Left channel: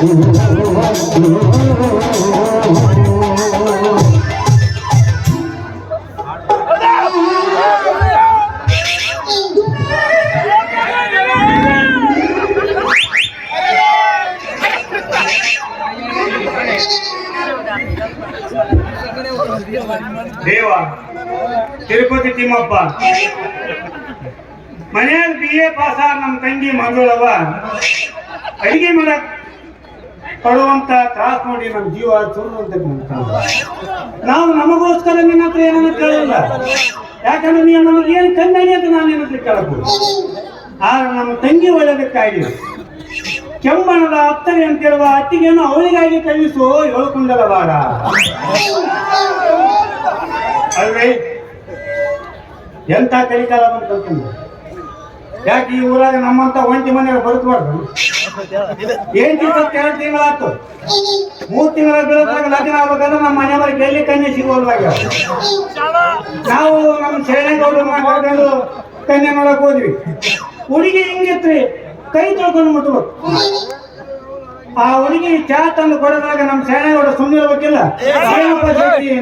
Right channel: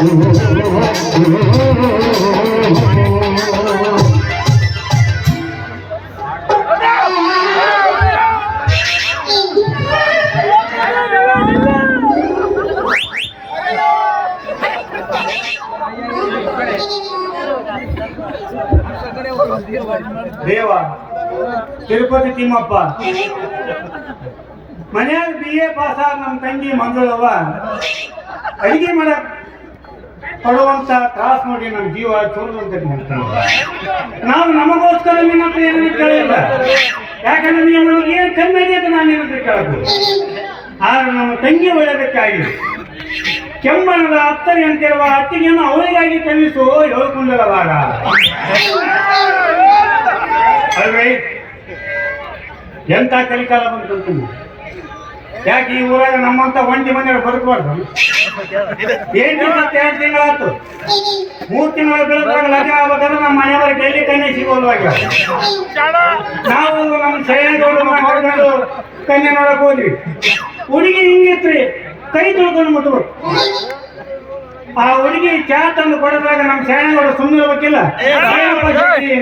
ದೇವ ತಿರುಪತಿ ತಿಮ್ಮಪ್ಪ ಮನೆಯಾಗ BA pass ಆಗ ನಮ್ಮ ತಂಗಿ ಮಗಳವ ಅಡಿಗೆ ಮಾಡಕ್ ಪಡುವಂತ ತ್ರಾಸ ನೋಡಿ ನಮ್ಮ ಜೀವ ಚೂರುವಂತ ನಾವು ನಮಗೋಸ್ಕರ ನಿನ್ನ ಹತ್ರ ಏನನ್ನು ಕೇಳಿಲ್ಲ. ಯಾಕಂದ್ರೆ ನೀವು ನಮಗೆ ಏನು ಕಮ್ಮಿ ಅಂತ ನಾನು ಏನಂತ ಕೇಳಬೇಕು. ಆಗ ನಮ್ಮ ತಂಗಿ ಒಳ್ಳೆದಕ್ಕಾಗಿ ಕೆಂಬಣದ ಅತ್ತರೆ ಅಂತಿರುವ ಅತ್ತಿಗೆಯನ್ನು ಅವರಿಗಾಗಿ ಕಲಿಸು ಹೇಳ್ಕೊಂಡಲ್ಲ ಬಾರ ಅಲ್ವೇ ಎಂತ ಕಲಿಕಾಲ ಬಂತು. ಯಾಕೆ ಈ ಊರಾಗ ನಮ್ಮಂತ ಒಂಟಿ ಮನೆಯವ್ರು ಬದುಕಬಾರ್ದು. 2 ತಿಂಗಳಾಯ್ತು, 3 ತಿಂಗಳ ಬೆಳಕಾಗ ಲಗ್ನ ಆಗ್ಬೇಕಂದ್ರೆ ನಮ್ಮ ಮನೆಯವ್ರಿಗೆ ಡೈಲಿ ಕನ್ಯೆ ಸಿಗೋಲ್ವಾಗ ನಾವು ನಮ್ಮ ಸೈನ್ಯದವರು ಮಾತಾಡ್ಕೊಂಡು ಕನ್ಯೆ ನೋಡಕ್ ಹೋದ್ವಿ. ಹುಡುಗಿ ಹಿಂಗಿತ್ರಿ, ಕೈ ತೊಳ್ಕೊಂಡು ಮುಟ್ಬೇಕು. ಆ ಹುಡುಗಿ ಚಾ ತಂದು ಕೊಡೋದ್ರಾಗ ನಮ್ಮ ಸೈನ್ಯದವರು ಸುಮ್ಮನೆ ಇರ್ಬೇಕಿಲ್ಲ.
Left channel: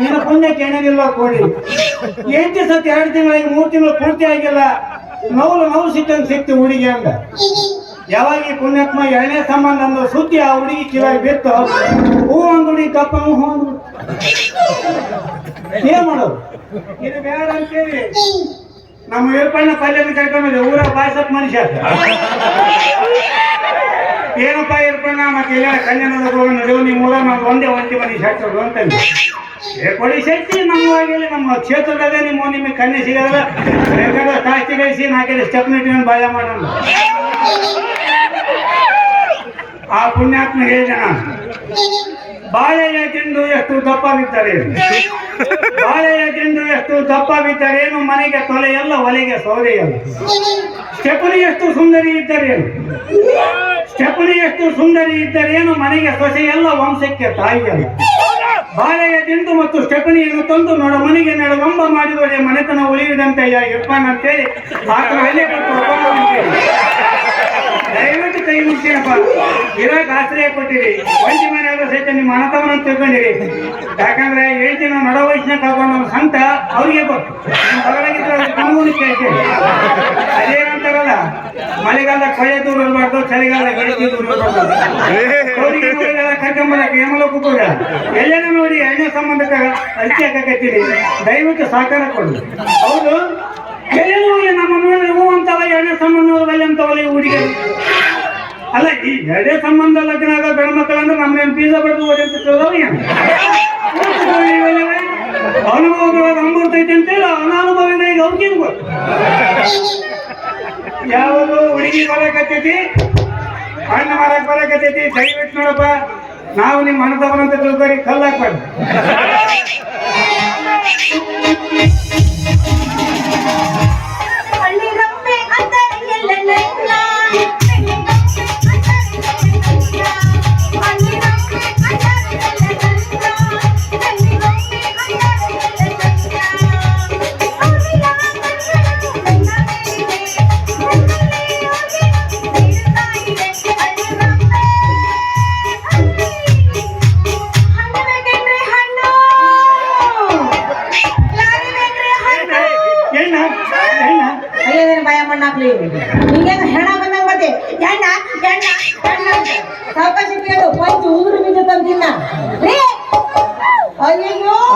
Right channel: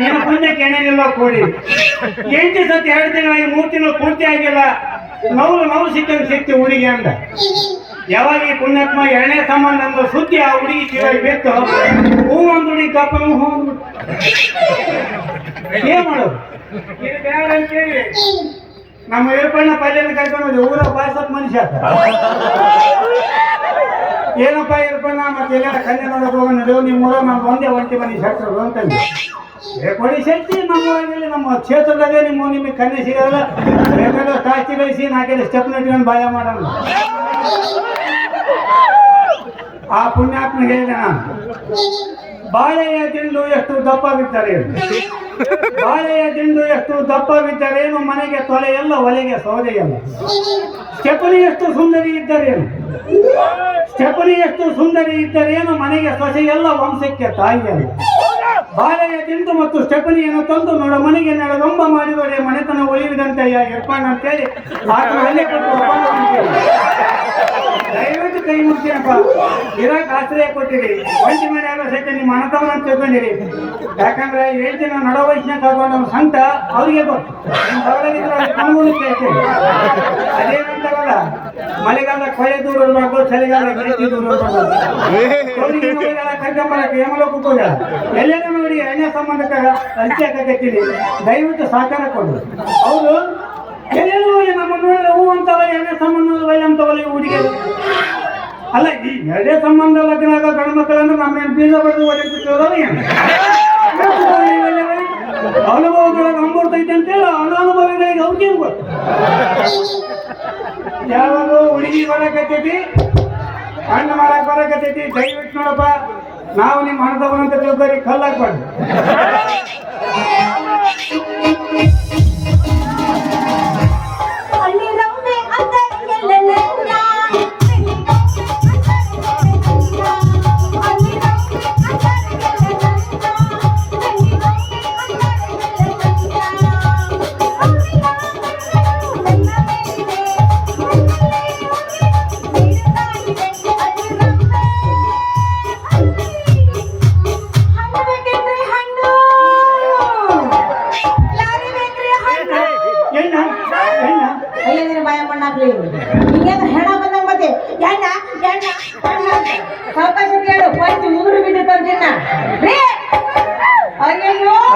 ನಿನ್ನ ಪುಣ್ಯಕ್ಕೆ ಏನೇನಿಲ್ಲ ಕೊಡಿ. 8 ಸತಿ 2 ತಿಂಗಳಾಗಿ 3 ತಿಂಗಳು ಪೂರ್ತಿ ಆಗಿಲ್ಲ. ನೋವು ಸಿಕ್ಕಂಗೆ ಸಿಕ್ತು ಹುಡುಗಿ ಅಂದ. ಯಾವಾಗ ಈ ಪುಣ್ಯಾತ್ಮ 2ನೇ ಸಂಬಂಧ ಅಂದ ಸುದ್ದಿ ಆ ಹುಡುಗಿ ಕಿವಿಯಾಗಿ ಬಿತ್ತು. ಹೂ ಒಂದು ಹುಡುಗಿ ತಪ್ಪನು ಹೂ ಏನ್ ಮಾಡೋದು ಇದು ಬೇಡ ಅಂತೇಳಿ ನಮ್ಮ ಇರ್ಪಣ್ಣ ಪಲ್ಯನ ಕರ್ಕೊಂಡು ಊರ ಬಾಯ್ಸಪ್ ಮನುಷ್ಯ ಏನಪ್ಪ ಇರ್ಪಣ್ಣ ಮತ್ತೆ ಎಲ್ಲ ಕನ್ಯಾ ನಡೆಯೋ ನಿಮ್ಮ ಊರ ನಾವು ಒಂದೇ ಒಂಟಿ ಮನೆ ಶಕ್ತರು ಅಂತಂದು ಕೊಡಿ ಶಕ್ತಿ ನಮ್ಮವಾಗಿಲ್ಲ. ನಮ್ಮ ಕ್ಷೇತ್ರದಾಗೆ ನಿಮಗೆ ಕನ್ಯೆ ಸಿಗಲ್ಲ. ಬೇಕಾದ್ರೆ ಕಾಸ್ತಿ ಬೇಯಿಸಿ 4 ಸ್ಟೆಪ್ ನೆಟ್ಕೊಂಡು ಬಾಯ ಮಾಡೋಣ. ಆ ಪುಣ್ಯಾತ್ಮ ಹೇಳಿದ ಬಾಳೆಯ ದಿಂಡು ಎಷ್ಟು ದಪ್ಪ ಬಿತ್ತಾರೇನು, ಬಾಳೆಯ ದಿಂಡು ಎಷ್ಟು ದಪ್ಪ ಬಿತ್ತಾರೇನು, ಮನೆಗೆ ತೊಲೆಯಲ್ಲ ಒಲೆಗೆ ಸೌದೆಯಲ್ಲ. ಸ್ಟೆಪನಿ ಎಷ್ಟು ಸುಂದರಿ ಇದ್ದರೇನು, ಸ್ಟೆಪನಿ ಎಷ್ಟು ಸುಂದರಿ ಇದ್ದರೇನು, ಮನೆಗೆ ಸೊಸೆಯಲ್ಲ ವಂಶಕ್ಕೆ ತಾಯಿಯಲ್ಲ. ಬಾಳೆಯ ದಿಂಡು ಮತ್ತು ಸ್ಟೆಪನಿಯನ್ನು ತಂದು ನೋಡ ಮನೆಗೆ ನಡೆವಂಬ ಮಾಡಿದರೆ ಮನೆತನ ಉಳಿಯುವುದಂತೆ ಇರ್ತಾನಂತೇಳಿ ಆತನಲ್ಲಿ ದಯವಿಟ್ಟು ಕೈ ಮುಟ್ಟಿಯಪ್ಪ. ಇರಾಕ್ ಆಶ್ರಯ ಕೊಟ್ಟಿರಿ, ಒಂಟಿ ಮನೆ ಆದ ಸಹಿತ ನಿಮ್ಮ ಮನತವನ ತಿಳ್ಕೊಂಡಿರಿ. ಯಾಕಂದ್ರೆ 7 ದಿನ ನಡ ವಯಸ್ಸಿನಾಗ ಕರ್ಕೊಂಡು ನಮ್ಮ ಸಂತ ಅವ್ರಿಗೆ ಗೊತ್ತು. ಅದೇನಂತಾಗಲ್ಲ, ಮಳೆಗಾಲ ಕೊಯ್ಯ ದೂರ ಇರಬಾರ್ದು, ಚಳಿಗಾಲ ದೂರ ಕರ್ಕೊಂಬರಕ್ಕೆ ಏಮಲ ಕೂತೋಗ ಎಲ್ಲೇನ ನೋಡಿ 2ನೇ ಸಂಬಂಧಕ್ಕೆ ಅರಿಕೆ ಹಾಕತ್ತೀರಿ. ದಯವಿಟ್ಟು ಸಹಕಾರ ಕೊಡು. ಹೌದು ಎಲ್ಲೆಲ್ಲೂ ನಮ್ಮ ನೋಡಿದ್ರೆ ಹೂ ಅಂತವ 2ನೇ ಸಂಬಂಧ ಬೈ ಅಂತವಲ್ಲ ಈ ಹುಡುಗಿಯರು. ಅಲ್ಲ ಈ 2ನೇ ಸಂಬಂಧ ಲಗ್ನ ಆಗ ಗಂಡು ಮಕ್ಕಳಂದ್ರೆ ನಮ್ಮನೇನು ಬೀಜ ಬಡ್ದು ಓದಿರ್ತಿದ್ದವ ಅನುಭವಗಳ ನಂಬರ್ತೈತೆ ಅಂತೇಳಿ ಅನಾನುಭವಿಂದ ಈಗ ಅವ್ರಿಗೆ ಗೊತ್ತು. ಯಾವುದು ಹುಡುಗಿ ಬರಕತ್ತೈತಿ, ಹಣ್ಣು ಮಾಡಕ್ ಬರಕತ್ತೈತಿ. ದಯವಿಟ್ಟು ನೋಡಪ್ಪ, ನಾವು ನಿಮ್ಮ ಮನದವರಂತ ತಿಳ್ಕೊರಿ, ಕಲ್ಲು ಹಾಕ್ಬಾರ್ದು.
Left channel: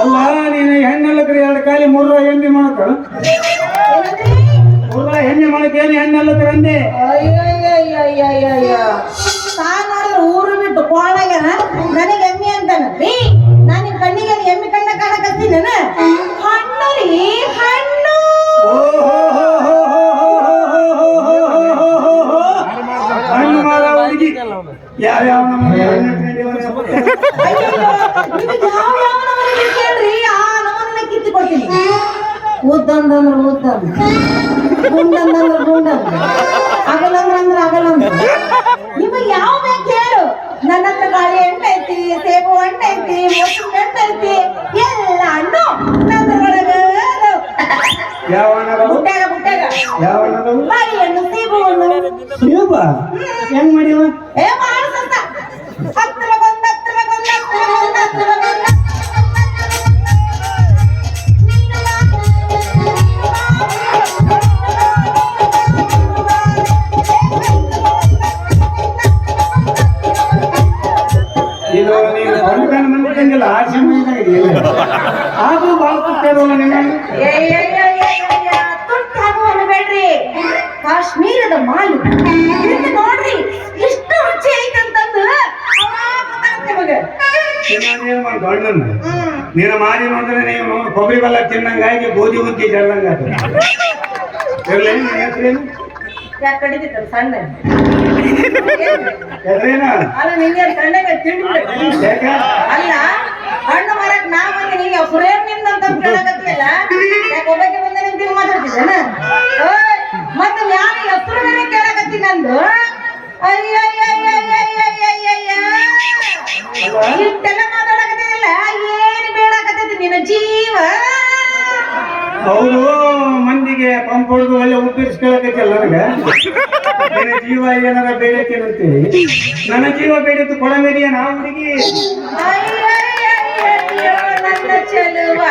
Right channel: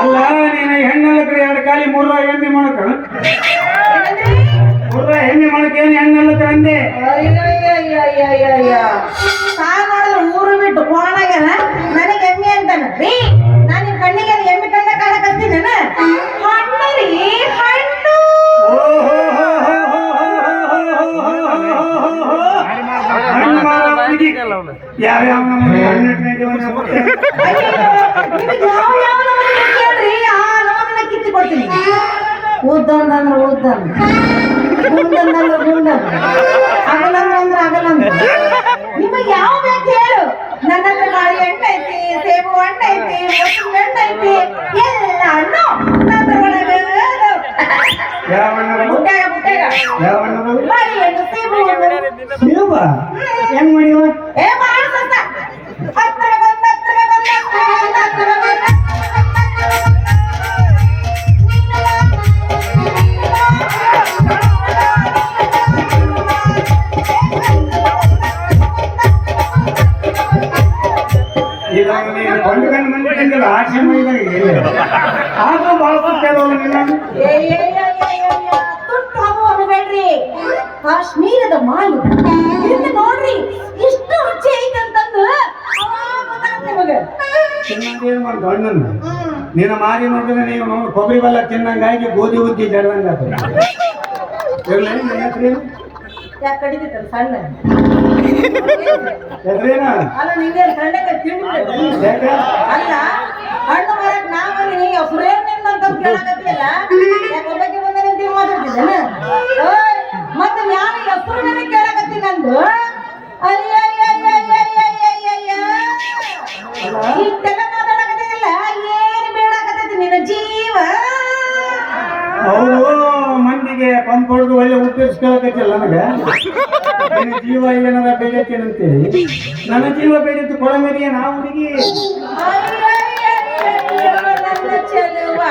ಅಲ್ಲ ನೀನು ಹೆಣ್ಣೆಲ್ಲ ಕಡೆ 2 ಕಾಲಿ 3 ಎಮ್ಮೆ ಮಾಡಕ 3 ಎಮ್ಮೆ ಮಾಡಕ ಏನು ಹೆಣ್ಣೆಲ್ಲ ಕಡೆ ಅಂದೆ. ಊರು ಬಿಟ್ಟು ಕೋಳಾಗ್ಯಾನ ನನಗೆ ಎಮ್ಮೆ ಅಂತಾನ ರೀ. ನಾನು ನಿಮ್ಮ ಕಣ್ಣಿಗೆ ಎಮ್ಮೆ ಕಂಡ ಕಾಣಕತ್ತೀನಿ. ಹಣ್ಣು ರೀ, ಹಣ್ಣು. ಯಾವ ಕಿತ್ತುಕೊಡ್ತೀನಿ. ಉದ್ದಂದ್ರೆ ಉದ್ದಂದು, ಗುಂಡಂದ್ರೆ ಗುಂಡಂದು, ಅಗಲಂದ್ರೆ ಅಗಲಂದು. ನಿಮಗೆ ಯಾವ ಬೇಕು ಹೇಳು. ನನ್ನ ಹತ್ರ ಬಾಳೆ ಹಣ್ಣು ಐತಿ, ಸೇಬು ಹಣ್ಣು ಐತಿ, ಮೊಸರು ಹಣ್ಣು ಐತಿ, ಎಲ್ಲ ಹಣ್ಣು ನನ್ನ ಒಳಗೆ. ಮುಟ್ಟಾಗ ಮುಟ್ಟಾಗ ಬಾಳೆ ಹಣ್ಣು, ಸೇಬು ಹಣ್ಣು. ಹೆಂಗ್ ಮಾಡಿವ? ಏ ಮಾಡ ಇದು ನೀನು ಗಂಡು ಗಂಡು ಮಂದಿಲ್ಲ ಆ ಸಮಯದಾಗ ಆದ್ರೂ ಭಾಳ ತುಟ್ಟಾಗಲ್ಲ ನೀನು ಬೇಡ್ರಿ ಕಾಶ್ಮೀರದ ಮಾಲು ಇದನ್ನ ನೋಡ್ರಿ ಎಷ್ಟು ರುಚಿ ಐತಂತಂದು ತಿನ್ನೋದೇನು ಒಂದು ಹಣ್ಣನ್ನು ನೀನು ಮಾರಿ ಮಾಡಿದ್ರೆ ನೀವು ಕೊಬ್ಬರಿ ಬೆಲ್ಲ ತಿನ್ನಂಗಾಗಿ ಗೋಧಿ ಉದ್ದಿ ಜಲ್ದಂಗ ಇರಲಿ ನನ್ನ ಹೆಸರೇನು ಯಾಕೆ ಕಡಿತೈತಲ್ಲ ಸಣ್ಣ ಹೆಸರೇನ ಅಲ್ಲ ನಿಂಗೆ ಸಣ್ಣಗೆ ತಿಂಡಿ ಯಾಕೆ ಅಲ್ಲ ಹಣ್ಣು ಮಾರಕ್ ನಾ ಬಂದೆ ನೀವು ಸುರೇಶ್ ನಿಮ್ದು ಅಂತ ಕೇಳಕತ್ತಿಲ್ಲ ಯಾಕೆ ಒಬ್ಬಕ್ಕೆ ಬಂದ ನಿಮ್ಗೆ ಮಾತಾಡ್ತಿದ್ದೇನೆ ಮತ್ತೆ ನಾನು ಹೆಸರು ಮೇಲೆ ಕೇಳಕತ್ತೀನಿ ನಂದು ಇಷ್ಟೆಲ್ಲ ಮಾತಾಡಕತ್ತಿಲ್ಲ ಏನು ಬೇಡಕತ್ತೈತಿ ನಿನ್ನ ಜೀವ ಅವರು ಮಂದಿಗೆ ಪಂಪ್ ಹೊಡೆದು ಅಲ್ಲಿ ಉತ್ತರಿಸ್ಕೊಳಕತ್ತಿಲ್ಲ ನನಗೆ ನಿನ್ನ ಜೀವ ಏನಾರ ಬೇಡೈತೆ ಅಂತೇಳಿ ನನ್ನ ಜೀವ ಬೇಡಿತ್ತು ಕೊಳಮೇರಿಯ ನಾ ಹುಡುಗಿ ನನ್ನ ಚೆಲುವ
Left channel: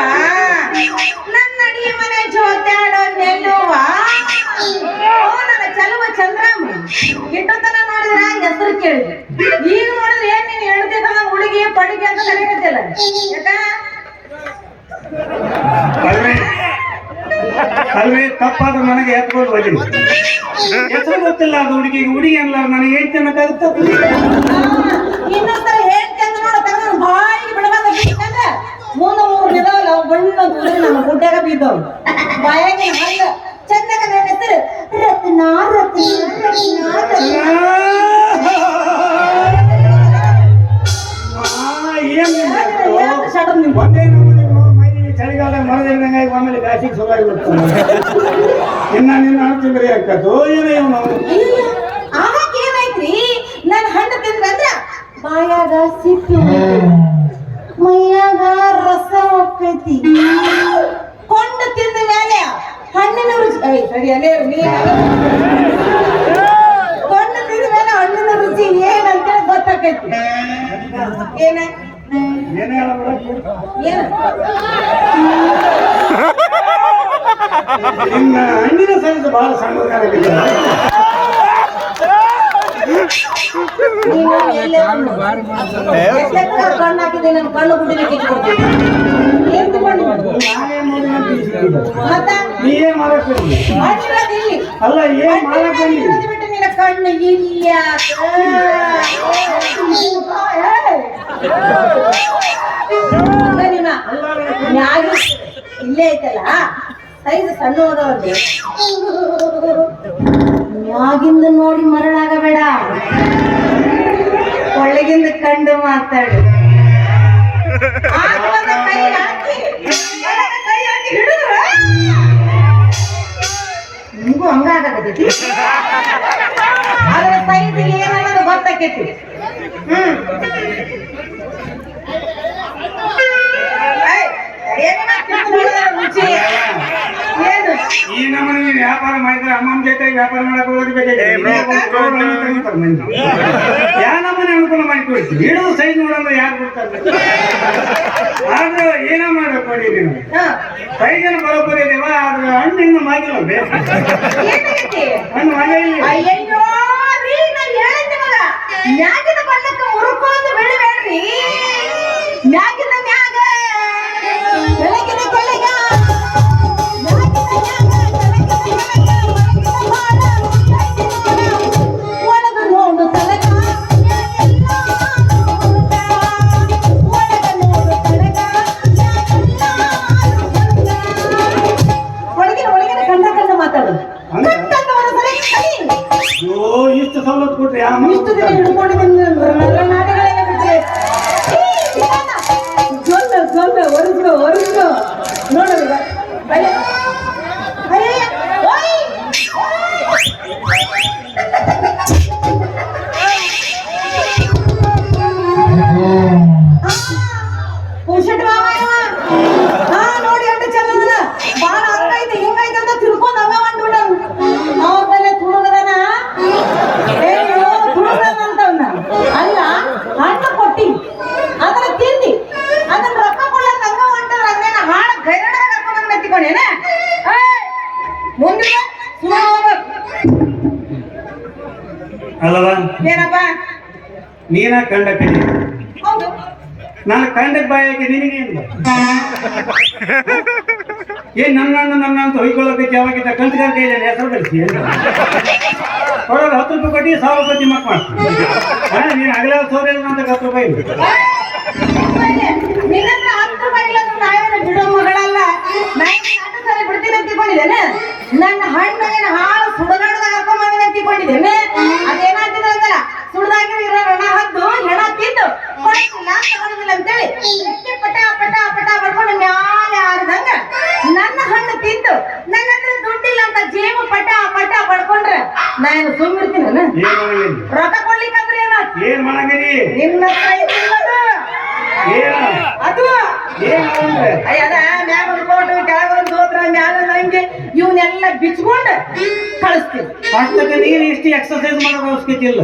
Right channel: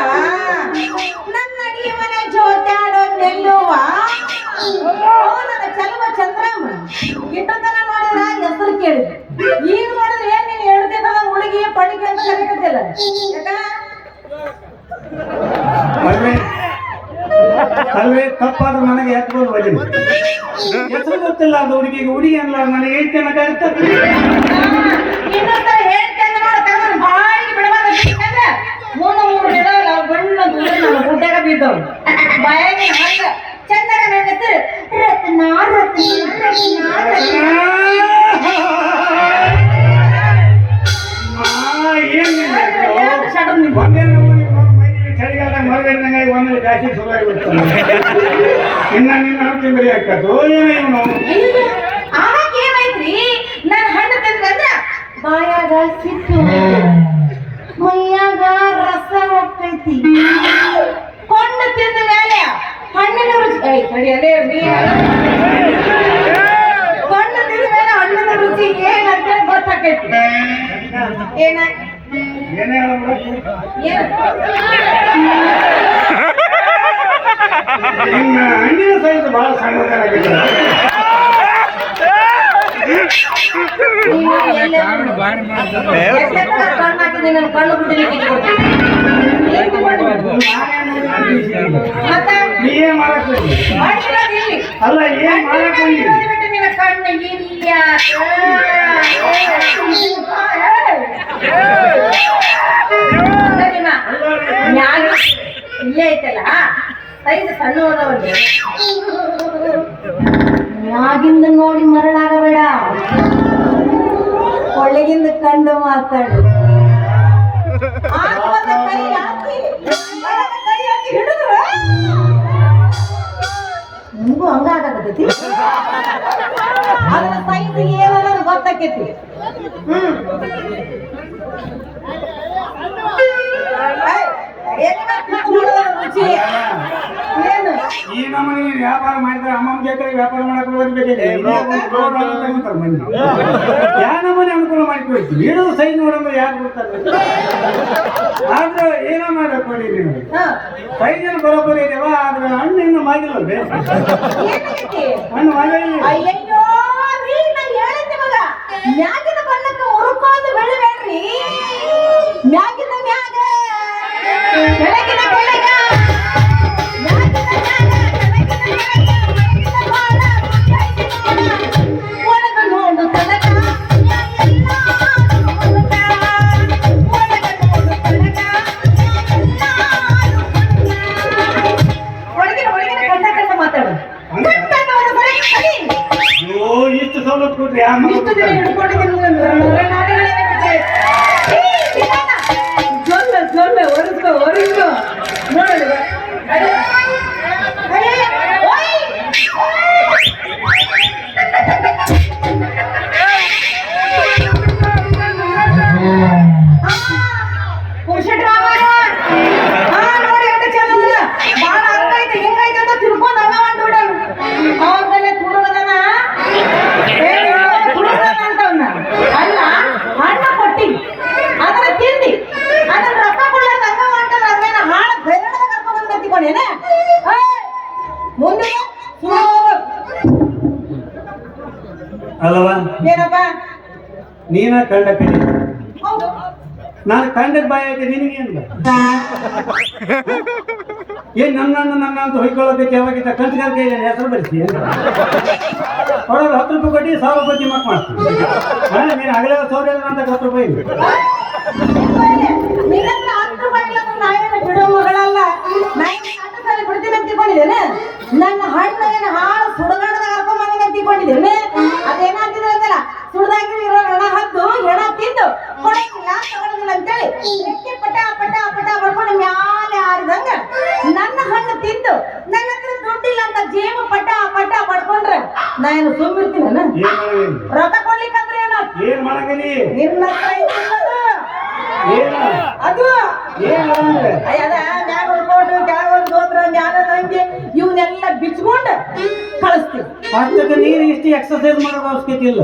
ನನ್ನ ಅಡಿಗೆ ಮನೆ ಜೋತಾಡೋ ನೆಲ್ಲುವ ನನ್ನ ಚೆಲುವ ಚಂದ್ರಮ್ಮ ಇಟ್ಟತನ ನೋಡಿದ್ರ ಹೆಸರು ಕೇಳಿದೆ ಈಗ ನೋಡಿದ್ರೆ ಏನ್ ನೀನ್ ಹೇಳ್ತಿದ್ದಲ್ಲ ಹುಡುಗಿ ಪಡಿಗೆ ಅಂತ ಕರೀಕತ್ತಿಲ್ಲ ಯಾಕ ಅಲ್ವೇ ತಪ್ಪಾದ ನನಗೆ ಎತ್ಕೊಂಡು ಹೋಗಿ ಹೆಸರು ಗೊತ್ತಿಲ್ಲ ಅದು ಹುಡುಗಿಗೆ ಹುಡುಗಿ ಅಲ್ಲ ನನಗೆ ಏನ್ ತಿನ್ನಕ್ಕಾಗುತ್ತ ಇನ್ನೊಂದ್ಸಲ ಹೇಳ್ತೇನೆ ನೋಡ ತಗೊಂಡು ಬಾಯಿಗೆ ಬಿಡಬಾರ್ದು ಮೂರು ದಿನ ಬಣ್ಣ ನನ್ನ ಊಟಾಗ ಬಿದ್ದವು ಬಾಯಾಗಿ ಹಂಗ ಚಂದಾಗ ನನ್ನ ಹೆಸರು ರತ್ನ ರತ್ನ ರತ್ನ ಒಂದೇ ಚಳಿಗಾಲ ಮರದಂಗೆ ಆಮೇಲೆ ಬ್ಯಾಸಿಗೆ ಸುಧಾರಿ ಬಿಡ್ತಾನೆ ಇನ್ನ ನಿನ್ನ ತಿಂದ್ರಿ ಹಾಕತ್ತು ಏನೋ ಆಗ ಏನಾಯ್ತ್ರಿ ನಾನು ಹಣ್ಣು ತಿಂದ್ರಂದ್ರ ಬಾಯಾಗ ಸಿಟ್ಟು ಮೈಯಾಗ ರಸ ಹೋಗ್ತೈತಿ ಕೊಂಡು ತಿಂದ ಮೇಲೆ ಹಣ್ಣಿನ ರುಚಿ ಸರಿ ಅಲ್ಲೇ ಕೊಂಡು ತಿಂದ ಮೇಲೆ ಹಣ್ಣಿನ ರುಚಿ ಏನಂತ ಗೊತ್ತಾಕೈತಿ ಏನ ಏನೇ ಇನ್ನ ಹಣ್ಣಿನ ಸೈಜ್ ಬಹಳ ಸಣ್ಣದಾಗಿದೆ ಮತ್ತೆ ನೀ ಏನ್ ಮಾಡಕ್ ಅಲ್ಲ ಏನ್ ಮಾಡಕ್ ಕಣ್ಣು ಇಲ್ಲ ಇಲ್ಲೇ ಐತಲ್ಲ ಸೈಜ್ ಸಣ್ಣ ಹೋದವಲ್ಲಿ ಮ್ಯಾಗಿಂದ ನೋಡಿ ಮರಳಾಗಬೇಡ ಒಳಗಿಂದ ಕಂಡು ಮಾತಾಡು ನಿಮಗೂ ಹಂಗಾಗತೈತಿ ಅದರ ಸೈಜ್ ಏನನ್ನೋದು ಗೊತ್ತಾಕೈತಿ ಈ ನಮ್ಮನೆ ವ್ಯಾಪಾರ ಮಾಡಿದ್ರೆ ಅಮ್ಮನ ಜೊತೆ ವ್ಯಾಪಾರ ಮಾಡಕ್ ಹೋಗ್ಬೇಕಾಗಿ ಯಾ ನಮ್ಮನೆ ಅನುಕೂಲ ಮಾಡಿಕೊಡ್ತೀವಿ ಇಡೋ ಸೈಜ್ ನೋಡಮ್ಮ ಯಾರು ಬರ್ತಾರೆ ಆದ್ರೆ ಏನ ಮಾಡಕ್ ಕೊಡಿ ನೀವು ಸೈಜ್ ಬರೋಬ್ಬರಿ ಇದೆಯವ ಆದ್ರೆ ಹಣ್ಣು ಇನ್ನು ಮಾಗಿಲ್ಲ ಹಣ್ಣು ಮಾಗಿಲ್ಲ ಮ್ಯಾಗಿನ ಬಣ್ಣಕ್ಕೆ ಮುರುಕೊಂಡು ಬೆಳಿಬೇಡ್ರಿ ಮ್ಯಾಗಿನ ಮ್ಯಾಗ ಬೆಳಗಿನ ಬೆಳಗ ಒಳಗ ನೋಡು ತನಕ ಒಳಗಿನ ಕಂಡ ಕಂಡ ಮಾತಾಡು ಅಯ್ಯೋ ಇಷ್ಟು ಸವಲತ್ತು ಕೊಟ್ರಿ ಇಷ್ಟು ದಿನ ಹಿಡ್ಕೊಂಡಿದ್ದೀನಿ ಜೊಲ್ಲ ಜೊಲ್ಲ ಒರೆಸ್ಕೊ ನೋಡೋದು ಪುರುಷಟ್ ನೋಡಿ ಎಂತ ಚಂದ ಬಾಳ ಹಂಗೈತೆ ಹಿಂಗೈತೆ ಅಂತ ತಿಳ್ಕೊಂಡ್ ಹಂಗ ಮಾಡ್ಬಿಡ ಅವ್ರ ಮೇಲೆ ತುಡುಗದನ ತುಡುಗದನ ಅಂತವ್ನ ಅಲ್ಲ ಅಲ್ಲವ ಏನಪ್ಪ ನೀನ ಕಂಡ ಕೈ ಹೌದು ನಾನು ಕಂಡದ ಬಾಯಾಗಿ ನಿನಗೇನು ಏನ್ ನನ್ನ ಅಂತ ಹೊಯ್ಕೊಳ್ಳೋದಕ್ಕೆ ಯಾವಾಗಿದ್ದ ಕಂಚಗಾರ ಕೈ ಹೆಸರು ಬೆಳೆಸಿ ಹೊರಗೆ 10 ರೂಪಾಯಿ ಕೊಟ್ಟು 1000 ರೂಪಾಯಿ ಮಕ್ ಮಾಡ್ತೀನಿ ನೀನು ಅಗಲ ಸೌರ ಅಂತ 10 ರೂಪಾಯಿ ನಿನ್ನತ್ರ 10 ರೂಪಾಯಿ ಇಲ್ಲ ನಾವೇನು ಬಿಡೋ ಮಗಳಲ್ಲ ನಾನು ಬಿಡ್ತೀನಿ ಅಂತ ತಿಳ್ಕೊಂಡಿದ್ದೇನೆ ನನ್ನ ಹಣ್ಣೇನ ಹಾಳು ಸುಡಗಾಡದಾಗ ಹಾಕೊಂಡ್ ಬಂದಿನ ತಿಳ್ಕೊಂಡಿದ್ದೇನೆ ಅದೇನಾಗ್ತಿದೆ ಅಂತಲ್ಲ ಸುಡ್ದಾಗಿ ಇರೋ ರಣ ಹದ್ದು ಹೆಣ ತಿಂದು ಕೊಡ್ತಿಲ್ಲ ತಗೊಳ್ಳೋದಿಲ್ಲ ಅಂತೇಳಿ ಎಕ್ಕೆ ಪಟ ಪಟ ಪಟ ಬಡ್ಕೊಂಡು ಮ್ಯಾಲೆ ಆಡ್ದಂಗ ನನ್ನ ಹಣ್ಣು ತಿಂದು ನನ್ನ ಹತ್ರ ದುಡ್ಡಿಲ್ಲ ಅಂತ ಜೇಬು ಪಟ ಪಟ ಬಡ್ಕೊಂಡ್ರೆ ನಾನು ಸುಮ್ಮಿರ್ತೀನಿ ರೊಕ್ಕ ಕೊಡ್ಲಿಕ್ಕಂದ್ರೆ ಏನೋ ಏನ್ ಮಾಡಂಗಿರಿ ನಿನ್ನ ಹತ್ರ ಇದ್ದಿಲ್ಲದು. ಏನು ಅದು ಏನು ಅದ ಮ್ಯಾಗ ಒಂದು ಕೋಟ ಕೆಳಗ ಒಂದು ಗೋತ್ರ ಮ್ಯಾಲ ಹಂಗೆ ಇವನ್ನೆಲ್ಲ ಬಿಚ್ಕೊಂಡು ಕಳಿಸ್ತೀವಿ ಅಷ್ಟಕ್ಕೆ ನೀನು ಇಷ್ಟು ಎಕ್ಸರ್ಸೈಸ್ ಮಾಡೋದು ಅವಶ್ಯಕತೆ ಇಲ್ಲ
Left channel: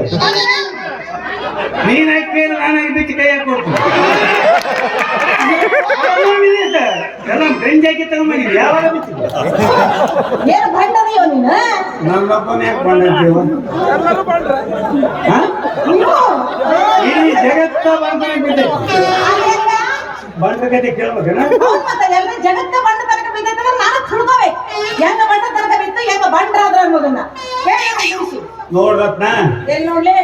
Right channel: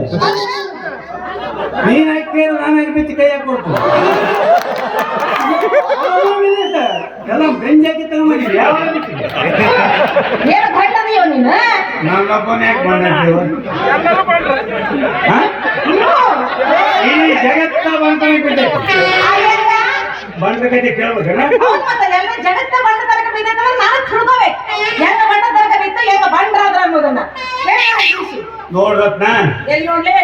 ನೀನ್ ಹಾಕಿ ನಾನು ಬಿಚ್ಚಿ ಕೈ ಹಾಕೊಡ್ತೀನಿ ಎಲ್ಲ ಬೆಂಜ್ ಹಾಕಿ ತಗೊಂಡಿದ್ವಿ ಯಾವಾಗ ಬಿಚ್ಚಿದೆ ಏನು ಗಂಡದೀವ ನೀನು ನನ್ನೊಬ್ಬನ ಯಾಕೆ ಬಂದಿದ್ದೀವ ಈ ಜಗತ್ತ ಬಂದಾಗ ಬಿಟ್ಟೆ ಬಂಡಗತಿ ಕೇಳ್ಬೇಕಲ್ಲ ಜಗತ್ತ ಬಂಡ ತನಕ ಬಿದ್ದಿದ್ರೆ ನಾನು ತಿಳ್ಕೋಬೇಕು ಹೆಂಗ ಬಂಡ ತನಕ ಬಿತ್ತು ಹೆಂಗ ಬಂಡ್ರಾದ್ರ ಅನ್ನೋದನ್ನ ನೋಡ್ರತ್ನ ಎಲ್ಲಿ ನೋಡ್ಲಿ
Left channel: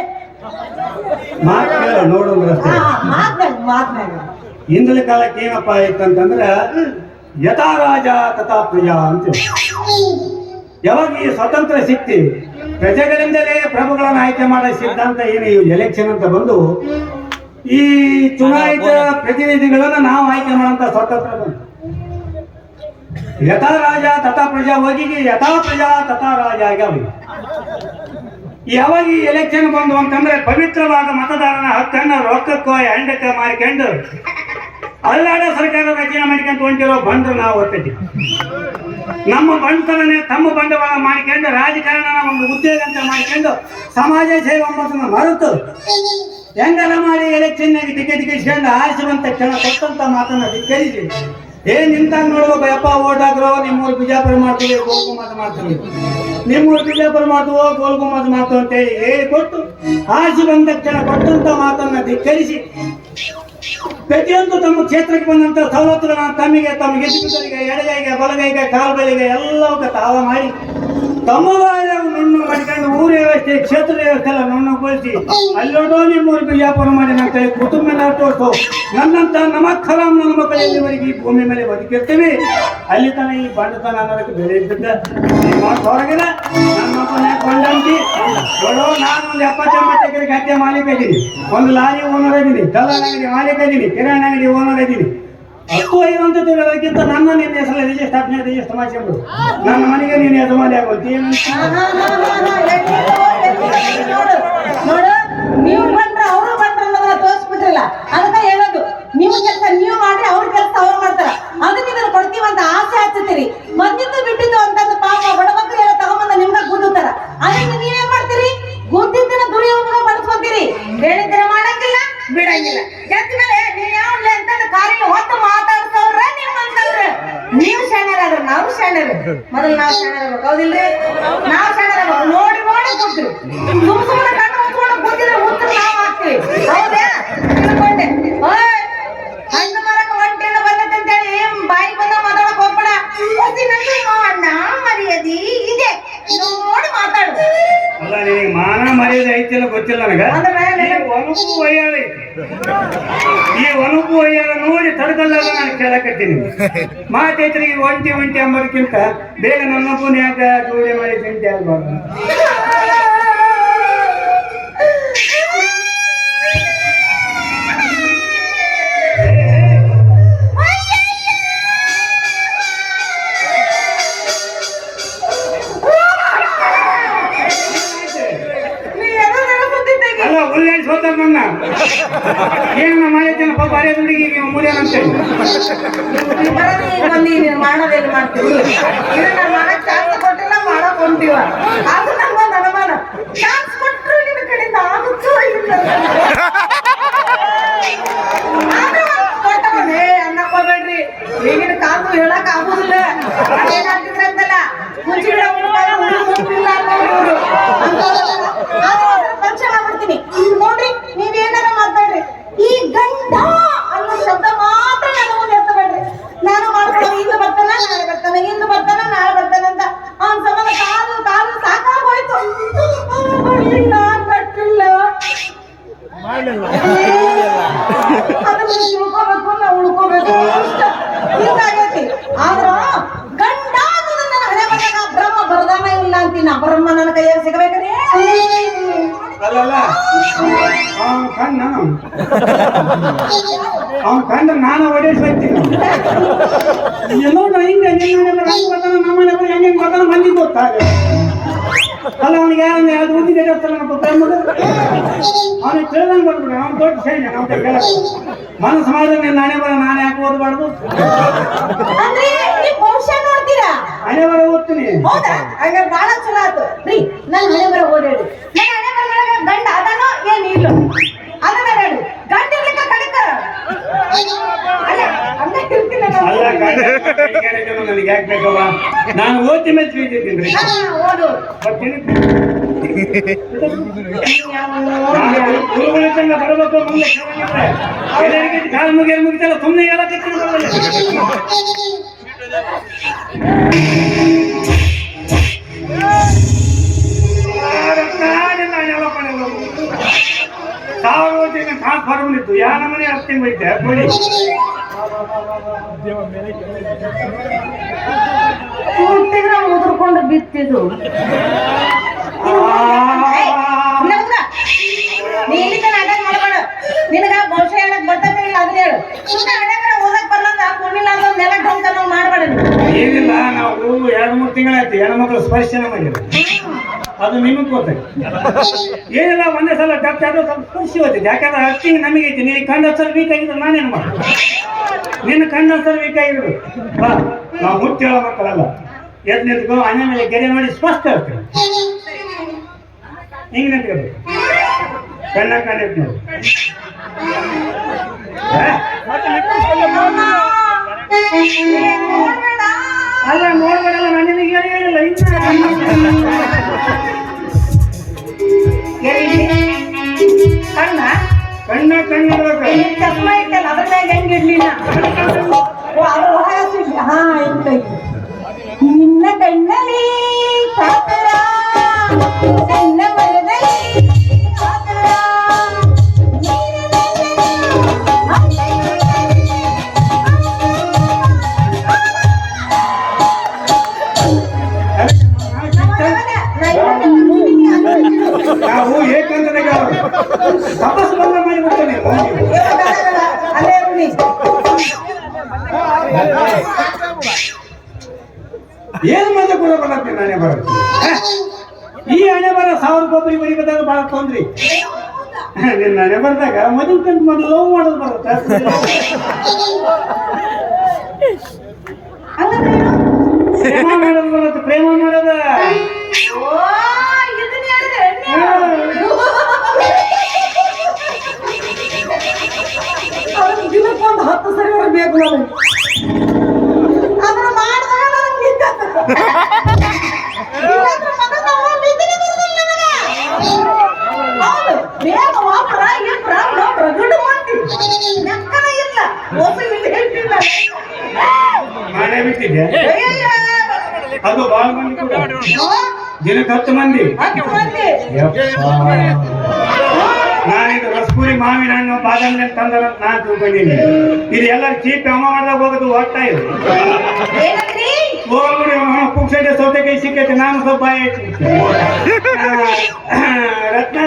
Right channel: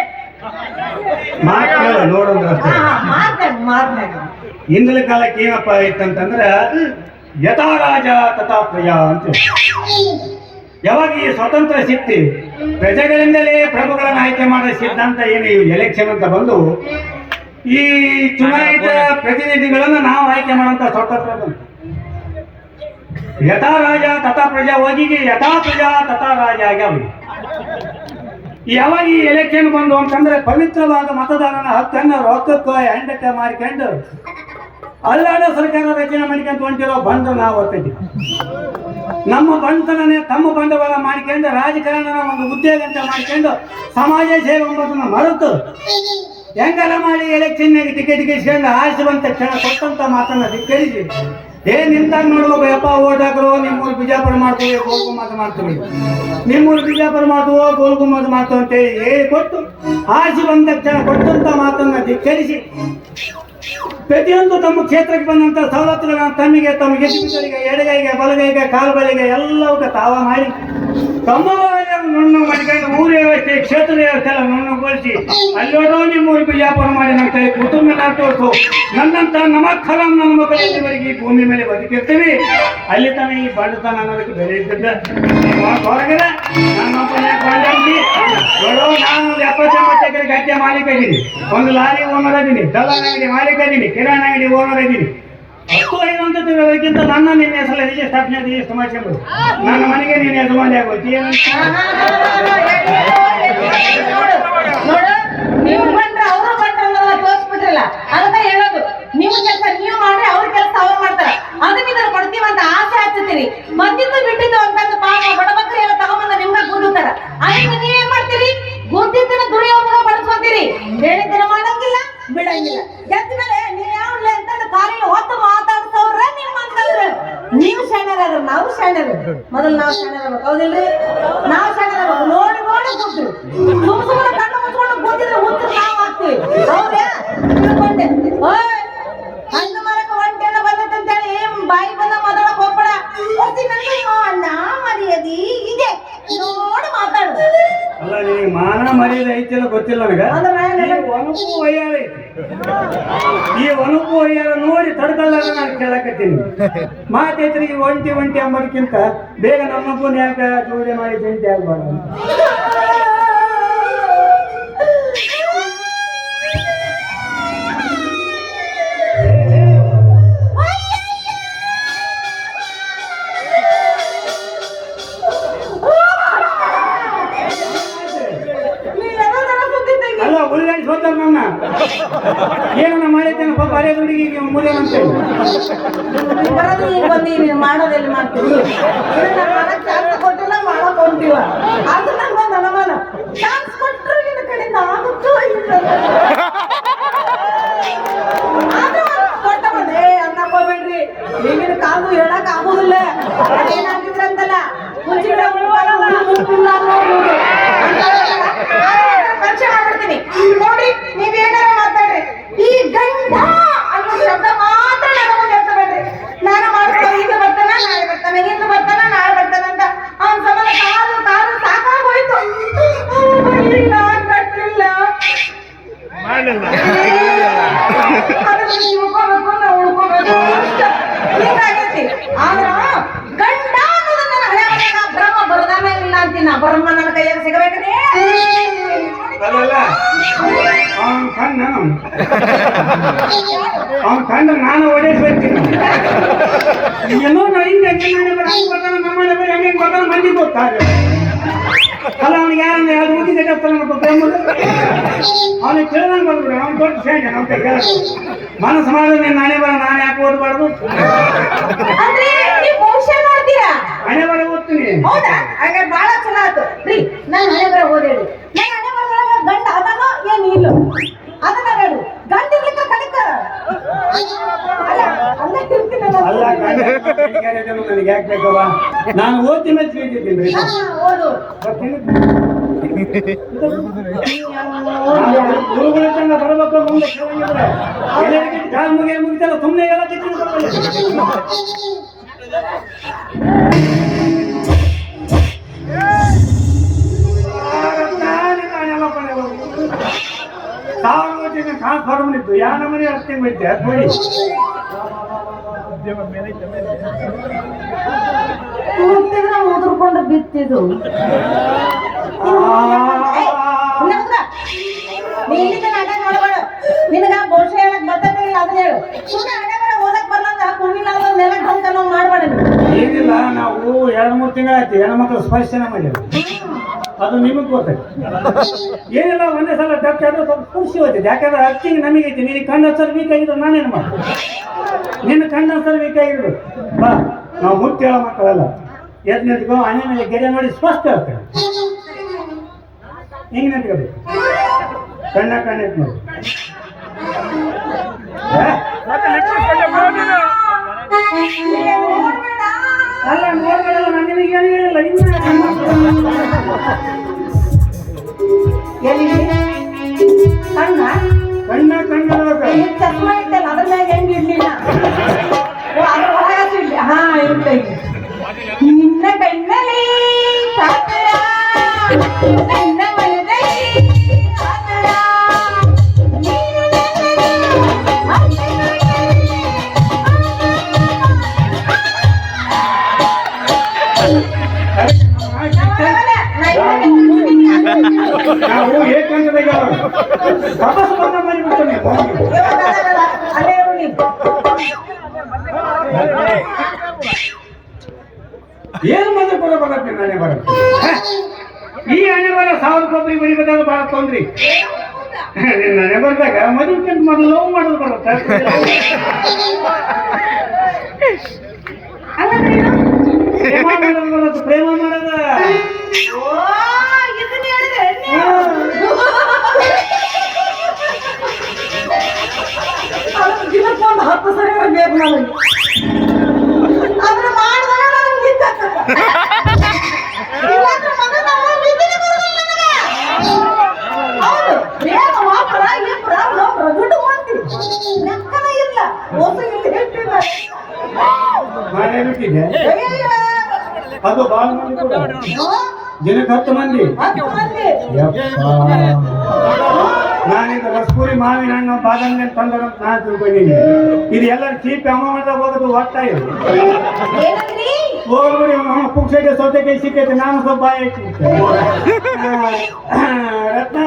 ಮಾತು ಕೇಳ ನೋಡಂದ್ರ ಮಾತನಾಡ ಹಿಂದಿನ ಕಾಲಕ್ಕೆ ಏನಪ್ಪ ಆಯ್ತಂತಂದ್ರ ಯಥಾ ರಾಜ ತಥಾ ಪ್ರಜಾ ಅಂತ ಯಾವಾಗ ಈ ಸ್ವತಂತ್ರ ಸಿಕ್ತಿ ಪ್ರಜೆಗಳಿಂದಲೇ ಪ್ರಭುಗಳನ್ನು ಆಯ್ಕೆ ಮಾಡೋ ಸಿದ್ಧಾಂತ ಏನು ಈ ಎಲೆಕ್ಷನ್ ಅಂತ ಬಂದು ಈ ಚುನಾಯಿತ ಪ್ರತಿನಿಧಿಗಳನ್ನು ನಾವು ಆಯ್ಕೆ ಮಾಡುವಂತ ಸ್ವತಂತ್ರ ಬಂತು ಯಥಾ ರಾಜ ತಥಾ ಪ್ರಜಾ ಹೋಗಿ ಯಥಾ ಪ್ರಜಾ ತಥಾ ರಾಜ ಆಗ್ಯಾವ ಯಾವಾಗ ಈ ಎಲೆಕ್ಷನ್ ಬಂದು ಅಂತಂದ್ರೆ ಪವಿತ್ರವಾದ ಮತದಾರನ ಹಕ್ಕನ್ನು ರೊಕ್ಕಕ್ಕೋ ಹೆಂಡಕ್ಕ ಮಾರಿಕೊಂಡು ಅಲ್ಲಾಡ ಸರ್ಕಾರ ರಚನೆ ಮಾಡ್ಕೊಂತ ಹೊಂಟಿರೋ ಬಂದು ನಾವು ಹೊತ್ತೈತಿ ನಮ್ಮ ಬಂಧನೇ ತಮ್ಮ ಬಂಡವಾಳ ಮಾಡ್ಕೊಂಡು ರಾಜಕಾರಣನ ಒಂದು ಉದ್ಯೋಗ ಅಂತ ಮಾಡ್ಕೊಂಡು ಸಮಾಜ ಸೇವೆ ಎಂಬುದನ್ನ ಮರೆತು ಹೆಂಗೆಲ್ಲ ಮಾಡಿ ಎಲೆಕ್ಷನ್ನಾಗಿ ಟಿಕೆಟ್ ಗಿಸ್ಕೊಂಡು ಆರಿಸಿ ಬಂತ ಕ್ಷಣ ಕೊಟ್ಟಂತ ಮಾತನ್ನ ಧಿಕ್ಕರಿಸಿ ನಿಂತಾಗ ನೋಡ್ಬೇಕು ಯಪ್ಪ ಓಟ್ ಹಾಕ್ರೋ ನಿಮ್ಮೂರು ಬಿಜಾಪುರ ಮಾಡ್ತೀವಿ ಗೋಲ್ಗುಮ್ಮದ ಮಾಡ್ತೀವಿ ನಿಮ್ಮೂರು ಬಿಜಾಪುರ ಮಾಡ್ತೀವೋ ಗೋಲ್ಗುಮ್ಮದ ಮಾಡ್ತೀವಿ ಅಂತೇಳಿ ಹೇಳಿ ಕೊಟ್ಟು ಆರಿಸಿ ಬಂದ ಕ್ಷಣ ಕೊಟ್ಟಂತ ಮಾತನ್ನ ಧಿಕ್ಕರಿಸಿ ಪ್ರತಿಯೊಂದು ತಮ್ಮ ಕ್ಷೇತ್ರಕ್ಕೆ ಬಂದಂತ ಸವಲತ್ತುಗಳನ್ನ ತಮ್ಮಿಗೆ ತಮ್ಮ ಗೆದ್ದಿಗೆ ಎಡಗೈಗೆ ಬಲಗೈಗೆ ಕಾಲುಗಳಿಗೆ ಎಲ್ಲವೂ ತಾವ ಮಾಡಿ ತಮ್ಮ ನುಣ್ಣು ಮಾಡ್ಕೊಂಡು ಊರ ವ್ಯವಸ್ಥೆ ಕ್ಷೇತ್ರ ವ್ಯವಸ್ಥೆ ಎಲ್ಲ ನುಣ್ಣುಗೊಳಿಸಿ ಅಲ್ಲೋಡೋ ನಿಮ್ಮೂರು ಬಿಜಾಪುರ ಮಾಡಿ ಅಂತ ಕುಟುಂಬ ತೋರಿಸು ನನ್ನಂತ ನಮಕ್ಕಲಾಂ ನನ್ನ ಮಕ್ಕಳಿವರೆಗೆ ಈ ಭೂಮಿ ಮೇಲೆ ಬದುಕಿರ್ತೀವಿ ಅಲ್ಲಿ ತನ ಈ ಬಂಡತನ ಅನ್ನೋದಕ್ಕೆ ಬೆಲೆ ಇದ್ದಿದ್ದ ಹೊರಗಡೆ ನಮ್ಮಪ್ಪನ ಬಂಡಂತಿ ನೋಡೋ ನಾನು ಒಂದು 70-80 ಎಕರೆ ಗದ್ದೆ ಮಾಲೀಕ ಇದ್ದೀನಿ ಒಂದು ಲಾರಿ ಓನರ್ ಇದ್ದೀನಿ ದಲ್ಲಾಳ ಅಂಗಡಿ ಮಾಲೀಕ ಇದ್ದೀನಿ ಕಿರಾಣಿ ಅಂಗಡಿ ಓನರ್ ಇದ್ದೀನಿ 10-5 ಅಂತ ತಿಳೋದಕ್ಕಿಂತ ನನ್ನ ನಿನ್ನೆ ಸಲ ರಿಜಿಸ್ಟರ್ ಅಪ್ನೆ ರಿಜಿಸ್ಟರ್ ಮಾಡ್ಕೊಂಡು ನನ್ನ ಮನೆಗೆ ನೀನು ಯಜಮಾನಿ ಆಗೋತಿ ನೋಡು ನೀವು ಬಂದ್ರೆ ಅವರು ಬಂದ್ರೆ ಅನ್ನೋದನ್ನ ತೋರಿಸ್ಬಿಟ್ರಲ್ಲ ಅದನ್ನ ಹೇಳೋದು ನೀವು ಕೆಲಸ ನೀವು ಮಾಡ್ರೆ ಅವ್ರ ಕೆಲಸ ಅವ್ರು ಮಾಡ್ತಾರ ಅದನ್ನ ಇದನ್ನ ಕೊಡ್ತೀವಿ ಅಂತ ಆಸೆ ಹಚ್ಚುತ್ತೀರಿ ಬಂದಿದ್ದು ಬಿಟ್ಟಿದ್ದು ಅಂತಂದು ಪಾಪ ಬಡಮಕ್ಕಳು ಎಲ್ಲ ತಗೊಂಬಂದ ನಿಮ್ಗೆ ಗುಡ್ಡುತ್ತಾರ ಅದಕ್ಕೆ ನೀವೇನ್ ಮಾಡ್ತೀರಿ ಗುದ್ದಿದ್ದನ್ನ ದುರ್ಯೋಪಯೋಗ ಪಡಿಸ್ಕೊಂತೀರಿ ಹೇಳಿದ್ರೆ ಮಾಡಂಗಿಲ್ಲ ಬಿಡಂಗಿಲ್ಲ ಜೊತೆ ಮೇಲೆ ನೀವು ಯಾವ್ಲೆ ಅಂತಂದು ಕಾರಿನ ಹೊತ್ತು ಮಾತಾಡ್ಸೋರ ನೀವು ಅಂತಂದ್ರ ನೀವು ಶಾಣ್ಯರಾದ್ರು ನಾವು ಶಾಣ್ಯರು ಮೊದಲು ನಾವು ಶಾಣ್ಯರು ಹೌದಿಲ್ರಿ ನಾವು ಶಾಣ್ಯರ ನೋಡಿ ನೋಡಿ ಕೊಡ್ತೀವಿ ಸುಮ್ಮನೆ ಕಣ್ಣು ಮುಚ್ಕೊಂಡು ಕೂತಿದ್ರೆ ಉತ್ತರ ನಾವು ಹಾಕ್ತೀವಿ ಹೌದಾ ತಿಳ್ಕೊಂಡೆ ಹಣ್ಣು ಮರಕ ಒಂಟೆಣ್ಣ ಬಂದೈತೆ ಅಂತೇಳಿ ಬಾಯಿ ಬಂದ ಮಾತಾಡಕ್ ಹೋಗ್ಬೇಡ ಅಣ್ಣ ಮರ್ಯಾದಿ ಇದೆ ನೋಡಿ ಮಾತಾಡು ಅಲ್ಲ ನಿನಗೆ ಮಾನ ಮರ್ಯಾದೆ ಐತಿಲ್ಲ ಗೊತ್ತಿಲ್ಲ ನನಗ ಒನಪು ವಯ್ಯಾರ ಐತಿ ಈ ಒನಪು ವಯ್ಯಾರ ನೋಡಿ ತಡ್ಕಲ್ಲ ನಾನು ಕೇಳಕತ್ತೀನಿ ಮಾತೈತ್ರಿ ಈ ಒಂಟಿ ಅಂಬೋದಕ್ಕಿಂತ ಬೇಗ ನನ್ನಪ್ಪನ ಯಾಕ ಜೋಡಿ ಮಾಡಿ ತಿಂತಿ ಆಗ್ಬಾರ್ದು ಅಲ್ಲ ಉಲ್ಲೇಖ ಹೋದ ನನ್ನ ಏನು ಮಾಡಿದ್ದೇನೆ ಪಾಪ ಅರೆ ಹುಡುಗಿಗೆ ಮುಡಿಯೋಣಂತೆ ಮಾಡೋದೇನು ಮಾಡ್ತೀವಿ ಚಾನ್ಸ್ ಕೊಟ್ಟಿಲ್ಲ ಮಾಡಕ್ ಹೊಂತೀವ ಅದು ನಂಗೊಂದು ಅನುಮಾನ ಚಾನ್ಸ್ ಕೊಟ್ಟರು ನಿನ್ನ ಕಡೆಯಿಂದ ಆಗುತ್ತೋ ಇಲ್ಲ ಕೊಟ್ಟವನೇ ಅನ್ನಕೋಬೇಡ್ರಿ ಈಗಿನ ಕಾಲು ಹೇಳಕ್ ಆಗೋದಿಲ್ಲ ಏನಾಗ್ತಿದ್ರಂತಲ್ಲ ಮುಚ್ಚಿಡ ಬ್ರಹ್ಮ ನನ್ನ ಕೈಯಾಗ ಸಿಗಬೇಕ್ರಿ. ಅಲ್ಲಲ್ಲ ಅವನ ಕಣ್ಣ ನಾನು ಹೊಡೆಸ್ಬೇಕ್ತೀನಿ. ಏನೋ ಹಿಂಗೆ ನಿಮ್ಮ ಬರ್ತಾನ ನಮ್ಮ ಹೆಂಗೆ ಬರ್ತಾನ ಮಂದಿ ಗೊತ್ತಾಗ ಅಲ್ಲ ಅವನಿಗೆ ಎರಡು ಮೂತಿ ಜಡ್ತಾನೆ ಎಂಬುದು ಅವನಿಗೆ ಕೇಳ್ದಂಗೆ ಬಂದ್ಬಿಡಿ. ಅವ್ನು ದೊಡ್ಡ ಸೇನೆ ಅಂತ ಕೇಳ ಮನಸ್ಸು ಮಾಡಿದ್ರೆ ನೀನು ನಾನೇ ಬರ ನಾನು ಯಾಕೆ ಓದಬಾರ್ದು ಅಂದ್ರೆ ನೀವು ಭವಿಷ್ಯ ನೋಡ್ತೀರಾ? ಹಣೆ ಬರ ಓದ್ತೀನಿ. ಹೌದಾ? ಹಾಗಾದ್ರೆ ಬಹಳ ಚಲೋ ಆಯ್ತು ರೀ. ನಾನು ಹಣೆ ಬರ ಓದೇಳಿ ನಾನು ಹಣೆ ಬರದಾಗ ಗಂಡ ಅದನ್ನು ಏನು ಇಲ್ಲ ಅದನ್ನ ಹೇಳಿ ಗಂಡ ಇರ್ಲಿಕ್ಕೆ ಕಡಿತಾರ ಅಲ್ಲ ನನಗೆ ಯಾಕೆ ಬೇಕಲ್ಲ ನಾನು ಓದಿ ಮೇಲೆ ತಿಳಿದಿದ್ದೀನಿ. ಗುರುಗಳ ತಂಗ ಬರಬೇಕು ಮುಂದೆ ಕಾಲ ಮುಗಿತಲ್ಲ ಸುಮ್ಮನೆ ಎಲ್ಲ ಫಾರ್ಮಲ್ಲಿದ್ದು ಯಾವ ನಮ್ಮನೆ ಅರ್ಥ ಬೈತೆ ನೋಡಿ ಹುಟ್ಟಿದ್ರೆ ಮುದ್ರಕೊಂಡು ಬಿತ್ತಿದ್ದು ನಿನಗ ಬಹುಶಃ ಹೇಳಕ್ ಬರ್ತದೆ ಅದನ್ನ ಹೇಳು. ಸುಮ್ಮನೆ ಹಣೆ ಬರ ಓದಕ್ ಬರಲ್ಲ ಕುಣಿಲ್ಲ ಅದೊಂದು ನೆಲ ಡ್ರಮ್ ನಾವು ಮಾಡಬೇಡ. ಏನಿಲ್ಲ ನಾವು 2-3 ತಿಂಗಳಾಯ್ತು ಹೆಣ್ಮಕ್ಳು ಸ್ಪರ್ಶನ ಮಾಡಿದ್ರು ಅದು ನಿಮಗೆ ಗೊತ್ತೈತಿ. ಏನಿಲ್ಲ ಒಂದೇ ಸಲ ಡಾಕ್ಟರ್ ಆದ್ರೂ ಸ್ವಲ್ಪ ಖುಷಿ ಹೋಗ್ತೈತಿ. ಯಾಕಂದ್ರೆ ಅಕ್ಕಿಂಗ್ ನಮಗೆ ಐತಿ. ನೀನು ಕಣ್ಣು ಹಚ್ಚಲು ವೀಕ್ ಆಗಿದ್ರು ನಾನೇನು ಮಾಡ್ತೀನಿ? ನಿನ್ನ ಕಣ್ಣು ಹಚ್ಚಲು ವೀಕ್ ಆಗಿದ್ರು ಬಾ ನಾವು ಹುಟ್ಟಿ ಹೇಳೋ ಮಕ್ಕಳಲ್ಲ. ಎದ್ದು ನಿಂತ್ಕೊ ಅಣ್ಣ ಮೇಲೆ ಗೆರೆ ನೋಡಿ ಸ್ಪಷ್ಟ ಇರ್ತೇವೆ. ಹಿಂಗೆ ನಿಂತ್ಕೋಬೇಕು ಕಣ್ಣ ಎತ್ತು ನೋಡಿ. ಅಲ್ಲ ನೋಡ್ಬೇಡಲ್ಲ ಮನೇಲಿ ಏನು ಹೇಳಿಲ್ಲ ಕಣ್ಣ ಕಣ್ಣ ಕಣ್ಣಿರ್ಬೇಕು. ಚಸ್ಮ ಇಟ್ಟಲ್ಲ ಅದ್ರ ಮ್ಯಾಗ ಹೆಂಗೆ ಇಡ್ಲಿಲ್ಲ ಹಾ ಇಲ್ಲ ನಿನ್ನ ಕಣ್ಣಲ್ಲಿ ನಿನ್ನ ನಾವು ಏಕಂದ್ರೆ ತಪಸ್ಪರ್ಧ ಮಾಡಿಬಿಡ್ತೇನೆ. ಏನು ಮಜಾ ಕೊಡಬಾರತ್ತೆ ನಾನೇ ಬರುತ್ತೆ. ಈ ಹಣೆ ಬರ 1000 ಬರಿಬೇಕಾದ ಬಹಳ ತೊಂದ್ರಿ. ನಿನ್ನ ಹಣೆ ಬರ್ದಾಗ ಮದುವೆ ಕಂಡು ಮೊದಲು ಲವ್ ಮಾಡೋದು ಬರುತ್ತೆ. ಪ್ರೇಮ ಮಾಡೋದು ಬರುತ್ತೆ. ಪ್ರೇಮ ಮಾಡೋದ ದಿನಕ್ಕೊಂದು 10 ಸರಿ ಬೇಕು ನನಗೆ. ಅದನ್ನ ಮಾಡಿದಾಗ ನನಗೆ ಮಾಡೇ ಬಿಟ್ಟಿದ್ದೆ. ಅದು ಬಹಳ ಮಂದಿ ಕೂಡ ದಿನಕ್ಕೆ 10 ಮಂದಿ. ನಾನಿದು ರಸಪುರಿ ಮಾವಿನ ಹಣ್ಣು ಬಾದಾಮಿ ಅಂತ ತಂದ್ರ ನಾನು ತಿಳ್ಕೊಂಡಿನಿ. ಇದು ಎಲ್ಲ ಚೀಪ್ ಅಮ್ಮ ಮಾಡಿದಾಗ ಹೋಗೋದು ಹೋಗ್ತಾ ಇದೆ. ಹೋಗ್ಬಿಡಿ ಪುಕ್ಸೈಡೆ ಸೌತೆಕಾಯಿ ಸಿಕ್ಕೈತೆ. ನಾನು ಸ್ವಲ್ಪ ಬಾಯಿ ರತ್ನ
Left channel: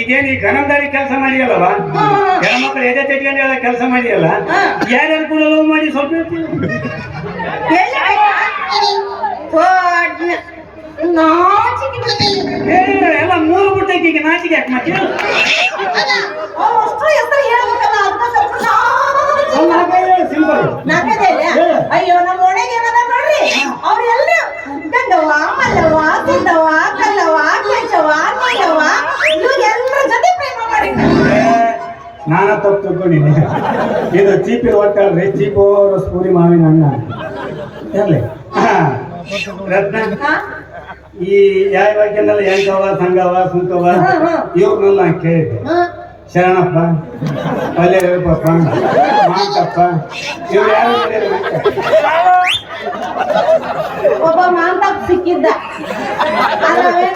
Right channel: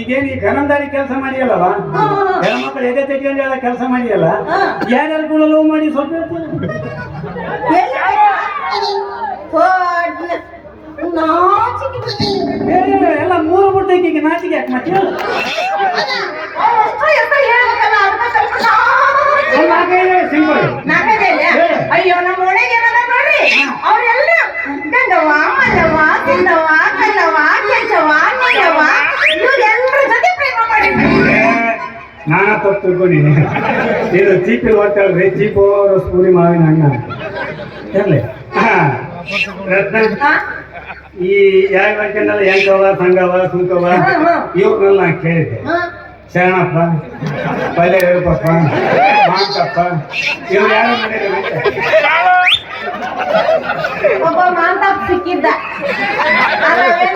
ಈಗೇನು ಈ ಗನಂದಾರಿ ಕೆಲಸ ಮಾಡಿಯಲ್ಲವ ಹೆಣ್ಮಕ್ಳು ಎದೆ ತೆಗೆದು ಎಲ್ಲ ಕೆಲಸ ಮಾಡಿಯಲ್ಲ. ಯಾರ್ಯಾರು ಕೂಡ ಲವ್ ಮಾಡಿ ಸ್ವಲ್ಪ ಎಲ್ಲ 3 ಬಿಟ್ಟೈತಿ. ಈಗ ನಾಚಿಗೆ ಯಾಕೆ ಮತ್ತೆ ಸಿಂಪಲ್. ಅಯ್ಯೋ ನಮ್ಮ ಒಳಗೆ ನೋಡ್ರಿ ಅವ್ರೆಲ್ಲ ಗಂಡವ ಮಲ್ಲವ ತಿಂದವ ಕಲ್ಲವ ಕೆಂಚವ ನೀಯವ ಇವ್ರೆಲ್ಲರ ಜೊತೆ ಪ್ರೇಮ ಮಾಡಿದ್ದಾರೆ. ನಾನ ತಪ್ಪು ತಿಳ್ಕೊಂಡಿನಿ. ಇದು ಚೀಪಿಲ್ ಹೊಟ್ಟಲ್ರಿ ಚೀಪು ರಸಪುರಿ ಮಾವಿನ ಹಣ್ಣ ಎಲ್ಲಿ ರತ್ನ ಈ ಯಾವ ವಾಕ್ಯದಲ್ಲ ಹೆಂಗವ ಸಂಗವ ಸುಂಕವ ಇವ್ರನ್ನೆಲ್ಲ ನಾನು ಕೇಳಿದ್ದೆ. ಶರಣಪ್ಪ ಪಲ್ಯ ಹೇಳಪ್ಪ ಮಾಂತಪ್ಪ ಇವ್ರು ಯಾರು ಒಬ್ಬ ಮಾಂತಪ್ಪ ಸಿಕ್ಕಿದ್ದ.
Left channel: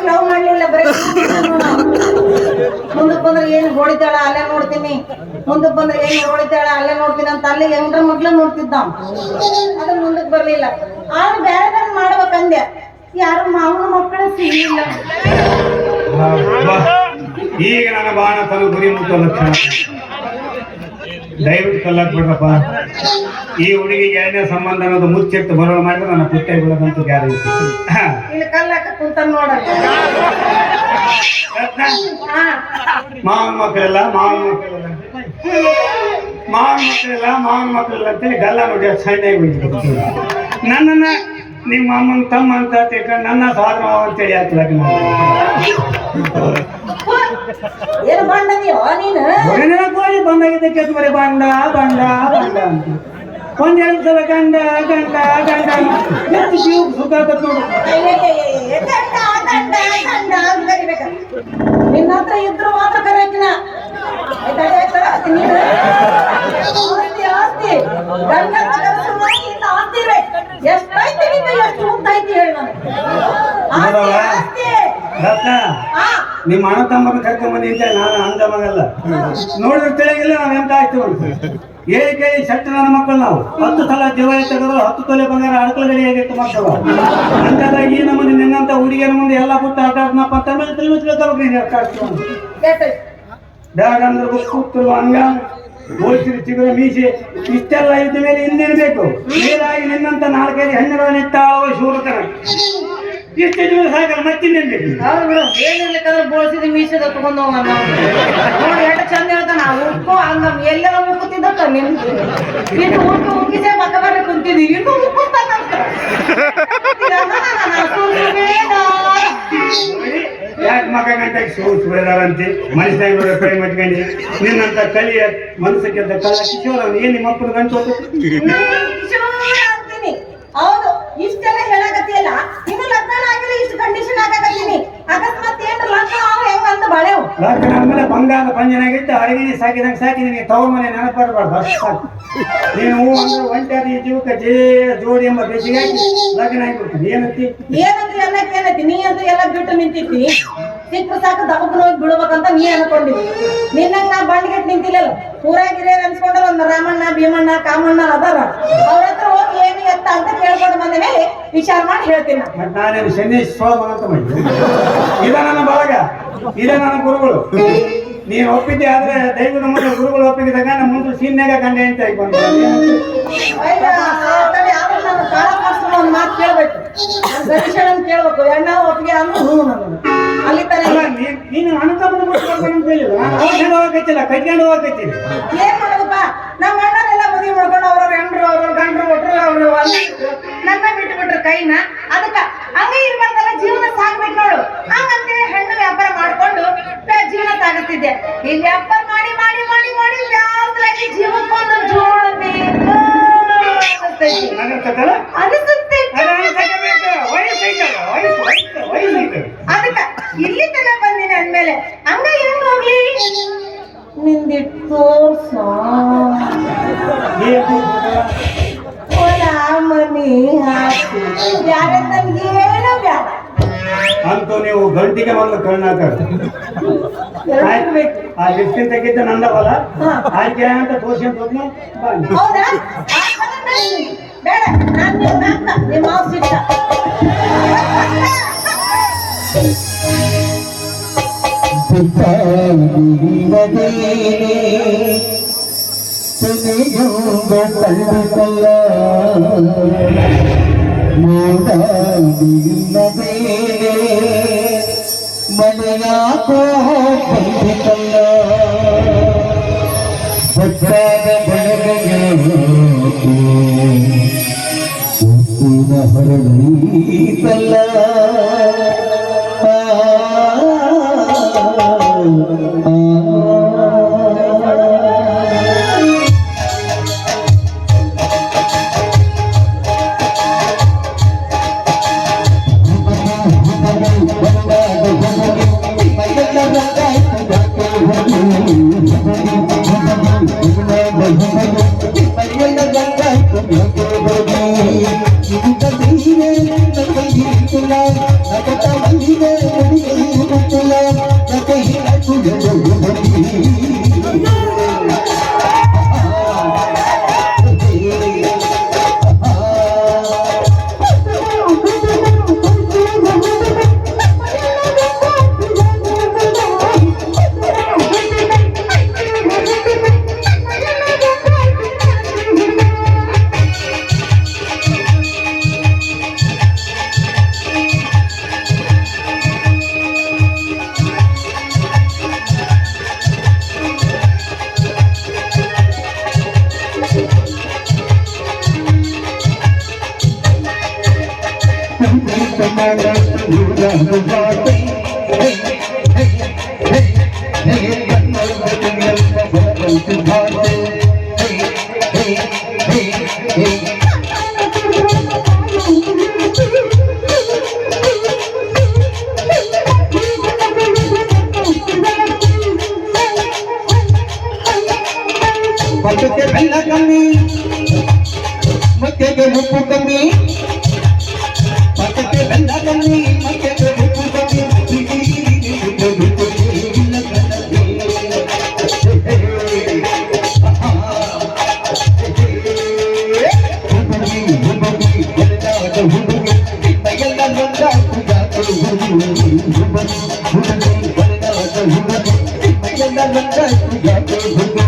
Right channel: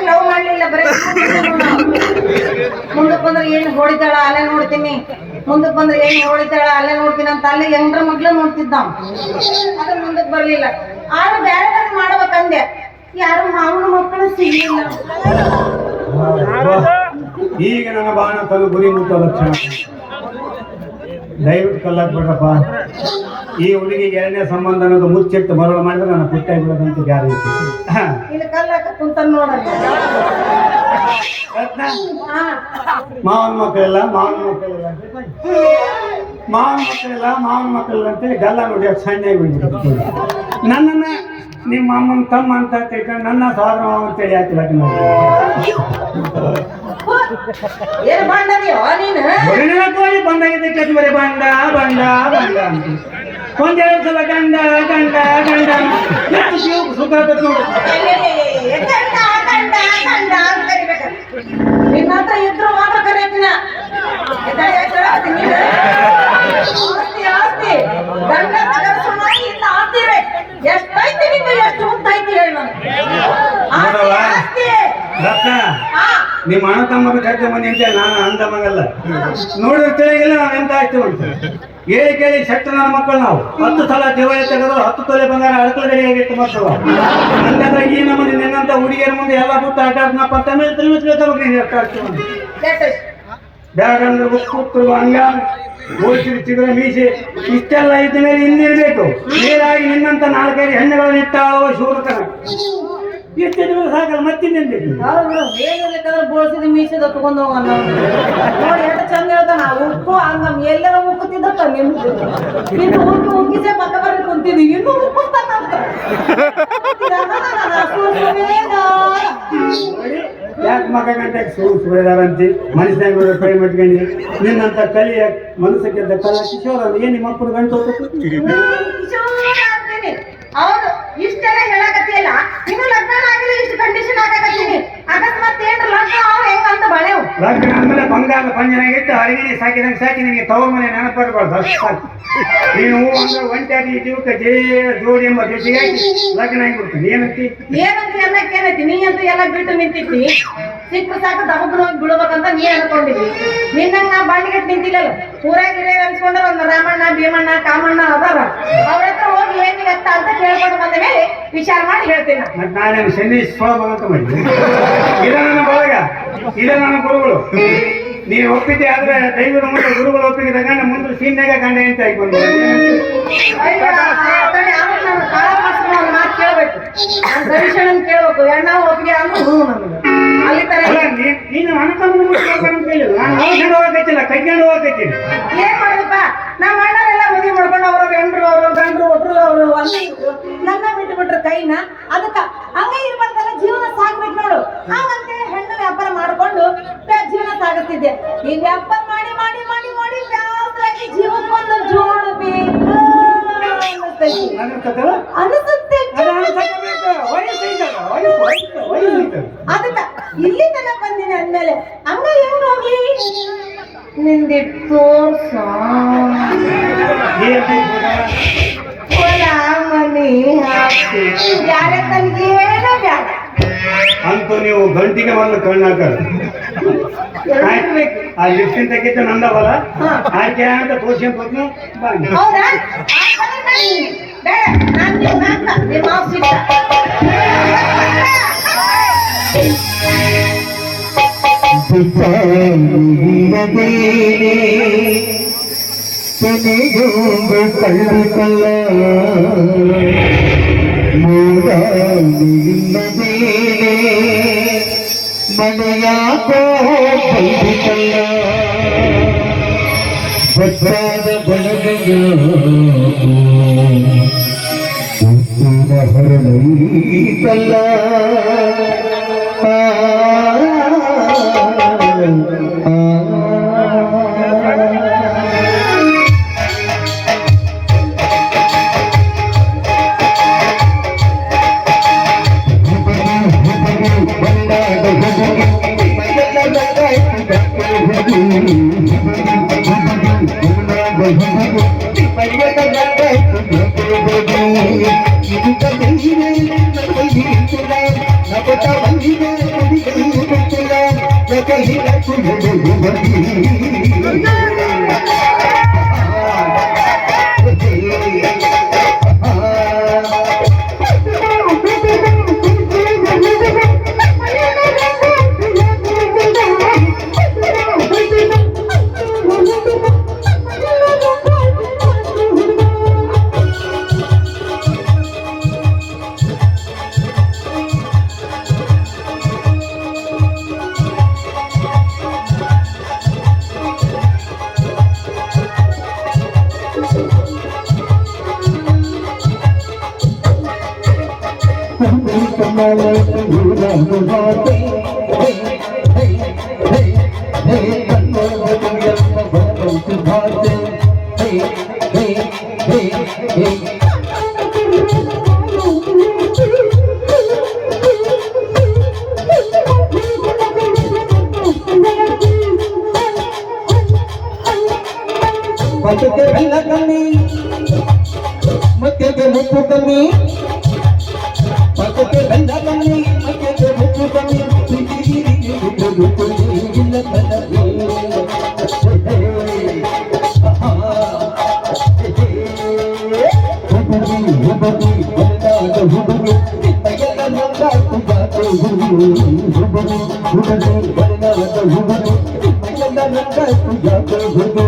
ಲವ್ ಮಾಡ್ಲಿಲ್ಲ. ಬರೀ ಮುಂದಕ್ಕೆ ಬಂದ್ರೆ ಏನು ಹೊಡಿತಾಳ ಅಲ್ಲೇ ನೋಡ್ತೀನಿ, ಮುಂದಕ್ಕೆ ಬಂದ್ರೆ ಏನು ಹೊಡಿತಾಳ ಅಲ್ಲೇ ನೋಡ್ತೀನಿ ಅಂತ ಅಲ್ಲೇ ಎಂಟ್ರ ಮಕ್ಳು ನೋಡ್ತಿದ್ದ. ಅದ್ರ ಮುಂದಕ್ಕೆ ಬರ್ಲಿಲ್ಲ. ಆದ್ರೆ ಬೇರೆ ಬೇರೆ ಮಾಡ್ಬೇಕಂದೆ. ಯಾರು ಮಾವನ ಮಕ್ಕಳು ಸಿಗಲಿಲ್ಲ. ಈಗ ನನ್ನ ಬಾಣ ತನ್ನ ಗುರಿ ಮುಟ್ಟೋ ಲಕ್ಷಣ. ದಯವಿಟ್ಟು ಕಲ್ಲಾಕ್ಬೇಕಪ್ಪ. ಈ ಹುಡುಗಿಗೆ ಎರಡನೇ ಸಂಬಂಧ ಅನ್ನೋದು ಮುಚ್ಚಿಟ್ಟು ಮರಳು ಮಾಡಿದ್ರೆ ನನ್ನ ಪುಟ್ಟ ಬಿಡೋದಂತ ಗ್ಯಾರಂಟಿ. ಇಲ್ಲಿ ಕಲ್ಲಕ್ಕ ಕುಂತ ನೋಡ ಮಾವನ ಮಕ್ಕಳೆಲ್ಲ ಮಾವನ ಮಕ್ಕಳೆಲ್ಲ ಅಂತೇಳಿ ಗಲ್ಲ ನೋಡಿ ಸಣ್ಣಾಗಿ ನನ್ನನ್ನ ನಿಮ್ಮ ಅಮ್ಮನ ತಮ್ಮ ಅಂತ ತಿಳ್ಕೊಂಡು ನನ್ನ ಸೋದರ ಮಾವ ಅಂತೇಳಿ ಆಗ್ತದೆ. ಏನು ಬಂದದೆಯೋ ನೀನು? ಕೋಳಿ ಬಂದಾಗಿದೆ ಕೆಟ್ಟಬರಿ ಬಂಡ ಅಂತ ಒಂದೆರಡು ಸಲ ಗಂಡ ಸುಖ ನೋಡು. ನಿನ್ನ ಹತ್ರ ಇದ್ರು ಮಾತ್ರ ಕರೆಯಕ್ಕಿನ ಆಸ್ತಿ ಎಷ್ಟೈತಿ ಎಷ್ಟು ಉಂಟಾಯ್ತು ಹೇಳ ನಿಮ್ಮ ಅಣ್ಣ ತಮ್ಮನ ಕರ್ಕೊಂಡ್ ನಿಂತ ನಾನು ಅಂದ ಮಗಲ್ಲ ನೋಡಿದ್ರೆ ತಿಳಿಗಿಲ್ಲ ನಾವ್ ಎಂತ ಆಯ್ತು ಕೇಳಿ ಸೆಟ್ ನನ್ನ ಮಕ್ಕಳು ನಾವು 10 ಸಲ ದೇವಾಲಯ ತೆಗೆದ್ರು 10 ತೊಲೆ ಬಂಗಾರ ಅಳ್ಕಲ್ ಹೇಗಿತ್ತು ಮಕ್ಕಳು ಅಂದಾಗ ಈ ನಮ್ಮನೆ ನಿನ್ನಂತ ಹುಡುಗಿಯರ ಮುಂದೆ ಎಲ್ಲ ಬಿಟ್ಟು ಆಟ ಆಡ್ನಪ್ಪ ಅಂತ ಮೇಲೆ ಬೇಡಂದ್ರೆ ಕೂತರು ಹಂಗ ಬೋಳ್ಸಿರು ಚಿಗುರ ಮೀಸೆ ಇಷ್ಟೆಲ್ಲ ಇದ್ದ ಮೇಲೆ ಹಿಂದಿರ್ಬೇಕು. ನೀರಾಗಿ ನಿನ್ನಂತ 4-5 ಹೆಣ್ಣುಗಳನ್ನ ಇಟ್ಟಾವ ಶೂರಕನ ಎಷ್ಟು ದಿವಸ ಸಾಕಲ್ಲ ಮತ್ತಿನ್ನೇನ್ಬೇಕು. ಏನಿರ್ಬೇಕಂದ್ರೆ ಬೋಳ್ಸಿದ ಮೀಸಿದ ತಗೊಂಡ್ ಹೋಗ ನೋಡಿ ಎಷ್ಟು ಚಂದ ಹೇಳ್ತಾನ ಉಪ್ಪು ಹಂಗ ಎಲ್ಲೆಲ್ಲ ಮುಕ್ಕುತ್ತಿದ್ದಕ್ಕ ನಿಮ್ದು ಇನ್ನು ಉಪ್ಪು ಉಪ್ಪಿಸೇ ಪಕ್ಕ ಬರೀ ಕುಂತಿದ್ವಿ ಇನ್ನು ಮುಕ್ಕುತ್ತಾನ ಯಾಕೆ ಮಗ ಗಂಟೆಗೆ ಸುಳಿದಾರಂತೆ ಮನುಷ್ಯನ ಕೈ ಮಟ್ಕೊಂಡು ನಿನ್ನಂತ ಕಲಿಯ ಮನಸ್ಸಿಗೆ ಕಲ್ಲ ಕಿಶೋರ ಏನ್ ನಿಮ್ಮ ಮಕ್ಕಳು ಗಂಟು ಹೌದು ಇಷ್ಟೆಲ್ಲ ಹೇಳಕತ್ತಿಲ್ಲ ಇನ್ನು ಲಗ್ನ ಆಗಿಲ್ಲ ಇಷ್ಟು ಕಂಡೀಷನ್ ಹಾಕಕತ್ತೀನಿ ಅಕಸ್ಮಾತ್ ಏನ್ ಲಗ್ನ ಅವ್ ಹೆಂಗಂತ ಬಳೆವು ಲಗ್ನ ಆದ್ಮೇಲೆ ಬಂಗಾರ ಪಂಜನಾಗಿಟ್ಟು ಅರಗಿಣಿ ಸಾಕಿದಂಗೆ ಸಾಕಿ ನಿನಗೆ ತವರ ಮನೆ ನೆನಪಾಡ್ಬಾರ್ದು ಅಷ್ಟು ಸಾಕು. ನೀನು ಒಂದು ಒಂಟಿಯಾಗಿ ಜೀವಕ್ಕೆ ಜೋಡಿ ಎಂಬ ಬೇಸಿಗಾಗಿ ಲಗ್ನ ಆಗಿಬಿಡ್ತೀನಿ ಏನಂತಿ ಏನಂತ ನೀ ಅಂತ ಎಲ್ಲ ಬಿಟ್ಟು ನಿಂತಿದ್ದಿ ಸಿಕ್ಕ ಸಾಕು ದಬ್ಬನ ಹೋಗಿ ಬಿಡ್ಬೇಕಂತ ನೀ ಅನ್ಕೊಂಡಿದ್ವಿ ನಿನ್ನ ನಾ ಬಂಡಿಗೆಟ್ ನಿಂತಿಲ್ಲ ಊರಾಗ ಹಿರಿಯರ್ ಅನ್ಸ್ಕೊಂಡ್ರೆ ಒಂದು ರಾಮಣ್ಣ ಭೀಮಣ್ಣ ಕಾಮಣ್ಣ ಅದಾರ ಅವ್ರ ಹತ್ರ ಹೋಗಿ ಏನು ಎತ್ತ ಅಂತ ಕೇಳ್ಕೊಂಡು ಬಂದ ಮೇಲೆ ವಿಚಾರ ಮಾಡಿ ಹೇಳ್ತೀನಿ ನಾನೇನು ಶನೀಶ್ ಸ್ವಾಮ ಅಂತ ಮಾಡಿ ಇದ ನನ್ನ ಬಳಗ ಇದ ನನ್ನ ಗುರುಗಳು ನೀನು ಒಪ್ಪಿದ್ದೆ ಆದ್ರೆ ದೈವದ ಮುಂದೆ ಗುರುಗಳು ಒಪ್ಪಿಗೆ ಗಂಡ ಮುಂದೆ ಸೀನ್ಯಾಗ ಗಂಡ ಅಂತ ಆಯ್ಕೊಂಡು ನನ್ನ ಕಾಳ ಒಂದು ಮಾತು ಕೇಳ್ಬೇಕು ನಾನು ಗಣೇಶನ ಕೇಳ್ಬೇಕು ಎಣ್ಣ ಒಪ್ಪಿಗೆ ಅಂದ್ರೆ ನಮಗೆ ಅಲ್ಲಿ ತರ ನೀನು ಹೋಗಕ್ಕಿಲ್ಲ ಕೈಕೊಂಡು ಹೋಗಕ್ಕಿಲ್ಲ ಏನ್ ಮಾಡೋದಪ್ಪ ನಮ್ಮ ಅಣ್ಣರೆಲ್ಲ ಮದುವೆ ಮಾಡ್ಕೊಂಡು ಅವ್ರ ಹೆಂಡ್ರು ಅವರು ಗಂಡ್ರು ಒಟ್ರು ಅವರು ನನ್ನ ಬಿಟ್ಟು ಬಿಟ್ರು ಕೈನ ಅದಕ್ಕ ಹಂಗ ಇರ್ಬಾರ್ದಲ್ಲ ಜೀವನ ಸಾಗ್ಬೇಕು ನೋಡು ಹಂಗಂತೇಳಿ ಹೆಣ್ಣು ವ್ಯಾಪಾರ ಮಾಡ್ಕೊಂಡು ಜೀವನ ಸಾಗುತ್ತಿದ್ದೆ ಇಲ್ಲಿ ವ್ಯಾಪಾರ ಮಾಡಿ ಮಾಡಿ ಮಾಡಿ ಮಾಡಿ ವ್ಯಾಪಾರ ಜೀವಕ್ಕೊಂದು ಜೋಳ ಬೇಕು ಅನಿಸುತ್ತೆ ಅದಕ್ಕ ಇಲ್ಲಿ ತನ ಬಂದಿನಿ ಅಂದ್ಮೇಲೆ ಹಂಗ ಹೆಂಗ್ ಹೋಗ್ಲಿ ನಿಂದಿಟ್ಟು ತೋರ್ಸ ಮನಿ ಹಾಕಿ ಯಾರ ತನಗೆ ಏನೋ ಬ್ಯಾಡ ಅಂತೂ ನೀವು ಗಂಟಿಗೆ ಮೊದಲು ಕಣ್ಣು ಹಾಕ ಆ ಲಿಫ್ಟಿನ್ ತೆಗಿದ್ದು ನಂದವಲ್ಲ ಆಯ್ಕೆ ಅಂತ ತೋರ್ಸ್ಕೊಂಡ್ ಹೋದ್ನು ಹೌದಾ ಬೇಡ ನಾನು ನಿಮ್ಮ ಸಿಕ್ಕ ಕಳ್ಳಿಕಲ್ಲ ಮೂಡಿಲ್ಲದೇನೆ ಮನೆಯಾಕೋ ಕಳ್ಳಿಕಲ್ಲ ಬೆಚ್ಚಾದ ಬೆಳಗಯಾಕೋ ಉಪ್ಪಿನ ಹೊರನೈತಲ್ಲ ಪಕ್ಕಕ್ಕೆ ಬೆಲ್ಲ ಕಮ್ಮಿ ಮಕ್ಕಳಿಗೆ ಮುಪ್ಪು ಕಮ್ಮಿ ಪಕ್ಕಕ್ಕೆ ಬೆಲ್ಲ ಕಮ್ಮಿ ಮಕ್ಕಳಿಗೆ ಮುಪ್ಪು ಕಮ್ಮಿ ಇಲ್ಲ ಕನ್ನಡಿ ಹುಡುಗಿ ಎಲ್ಲಾದ ಹುಡುಗಿ ಎಲ್ಲ ನೊಂದಾಕು ಜಾತೆ ಹುಡುಗಿ ಎಲ್ಲಾದ ಹುಡುಗಿ ಎಲ್ಲ ನೊಂದಾಕು ಜಾತೆ ಹುಡುಗಿ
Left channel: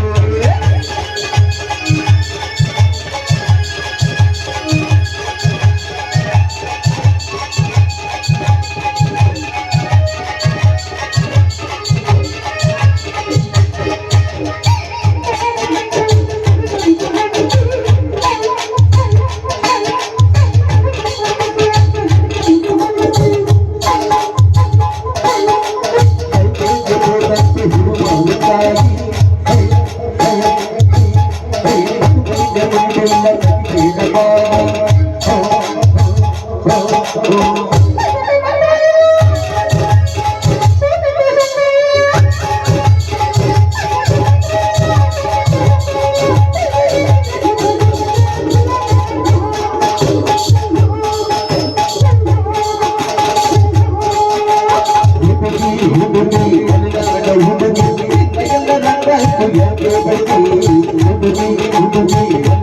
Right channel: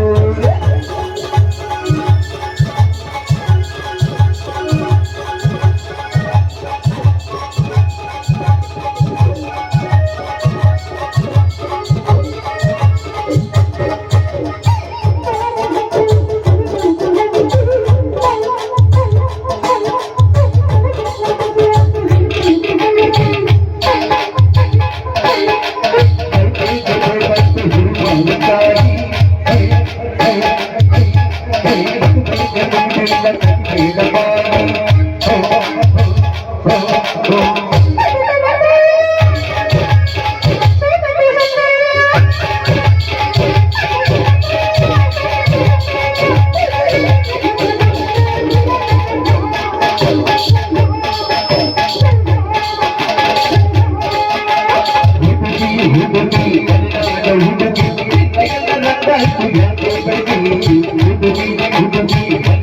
ಹುಡುಗಿ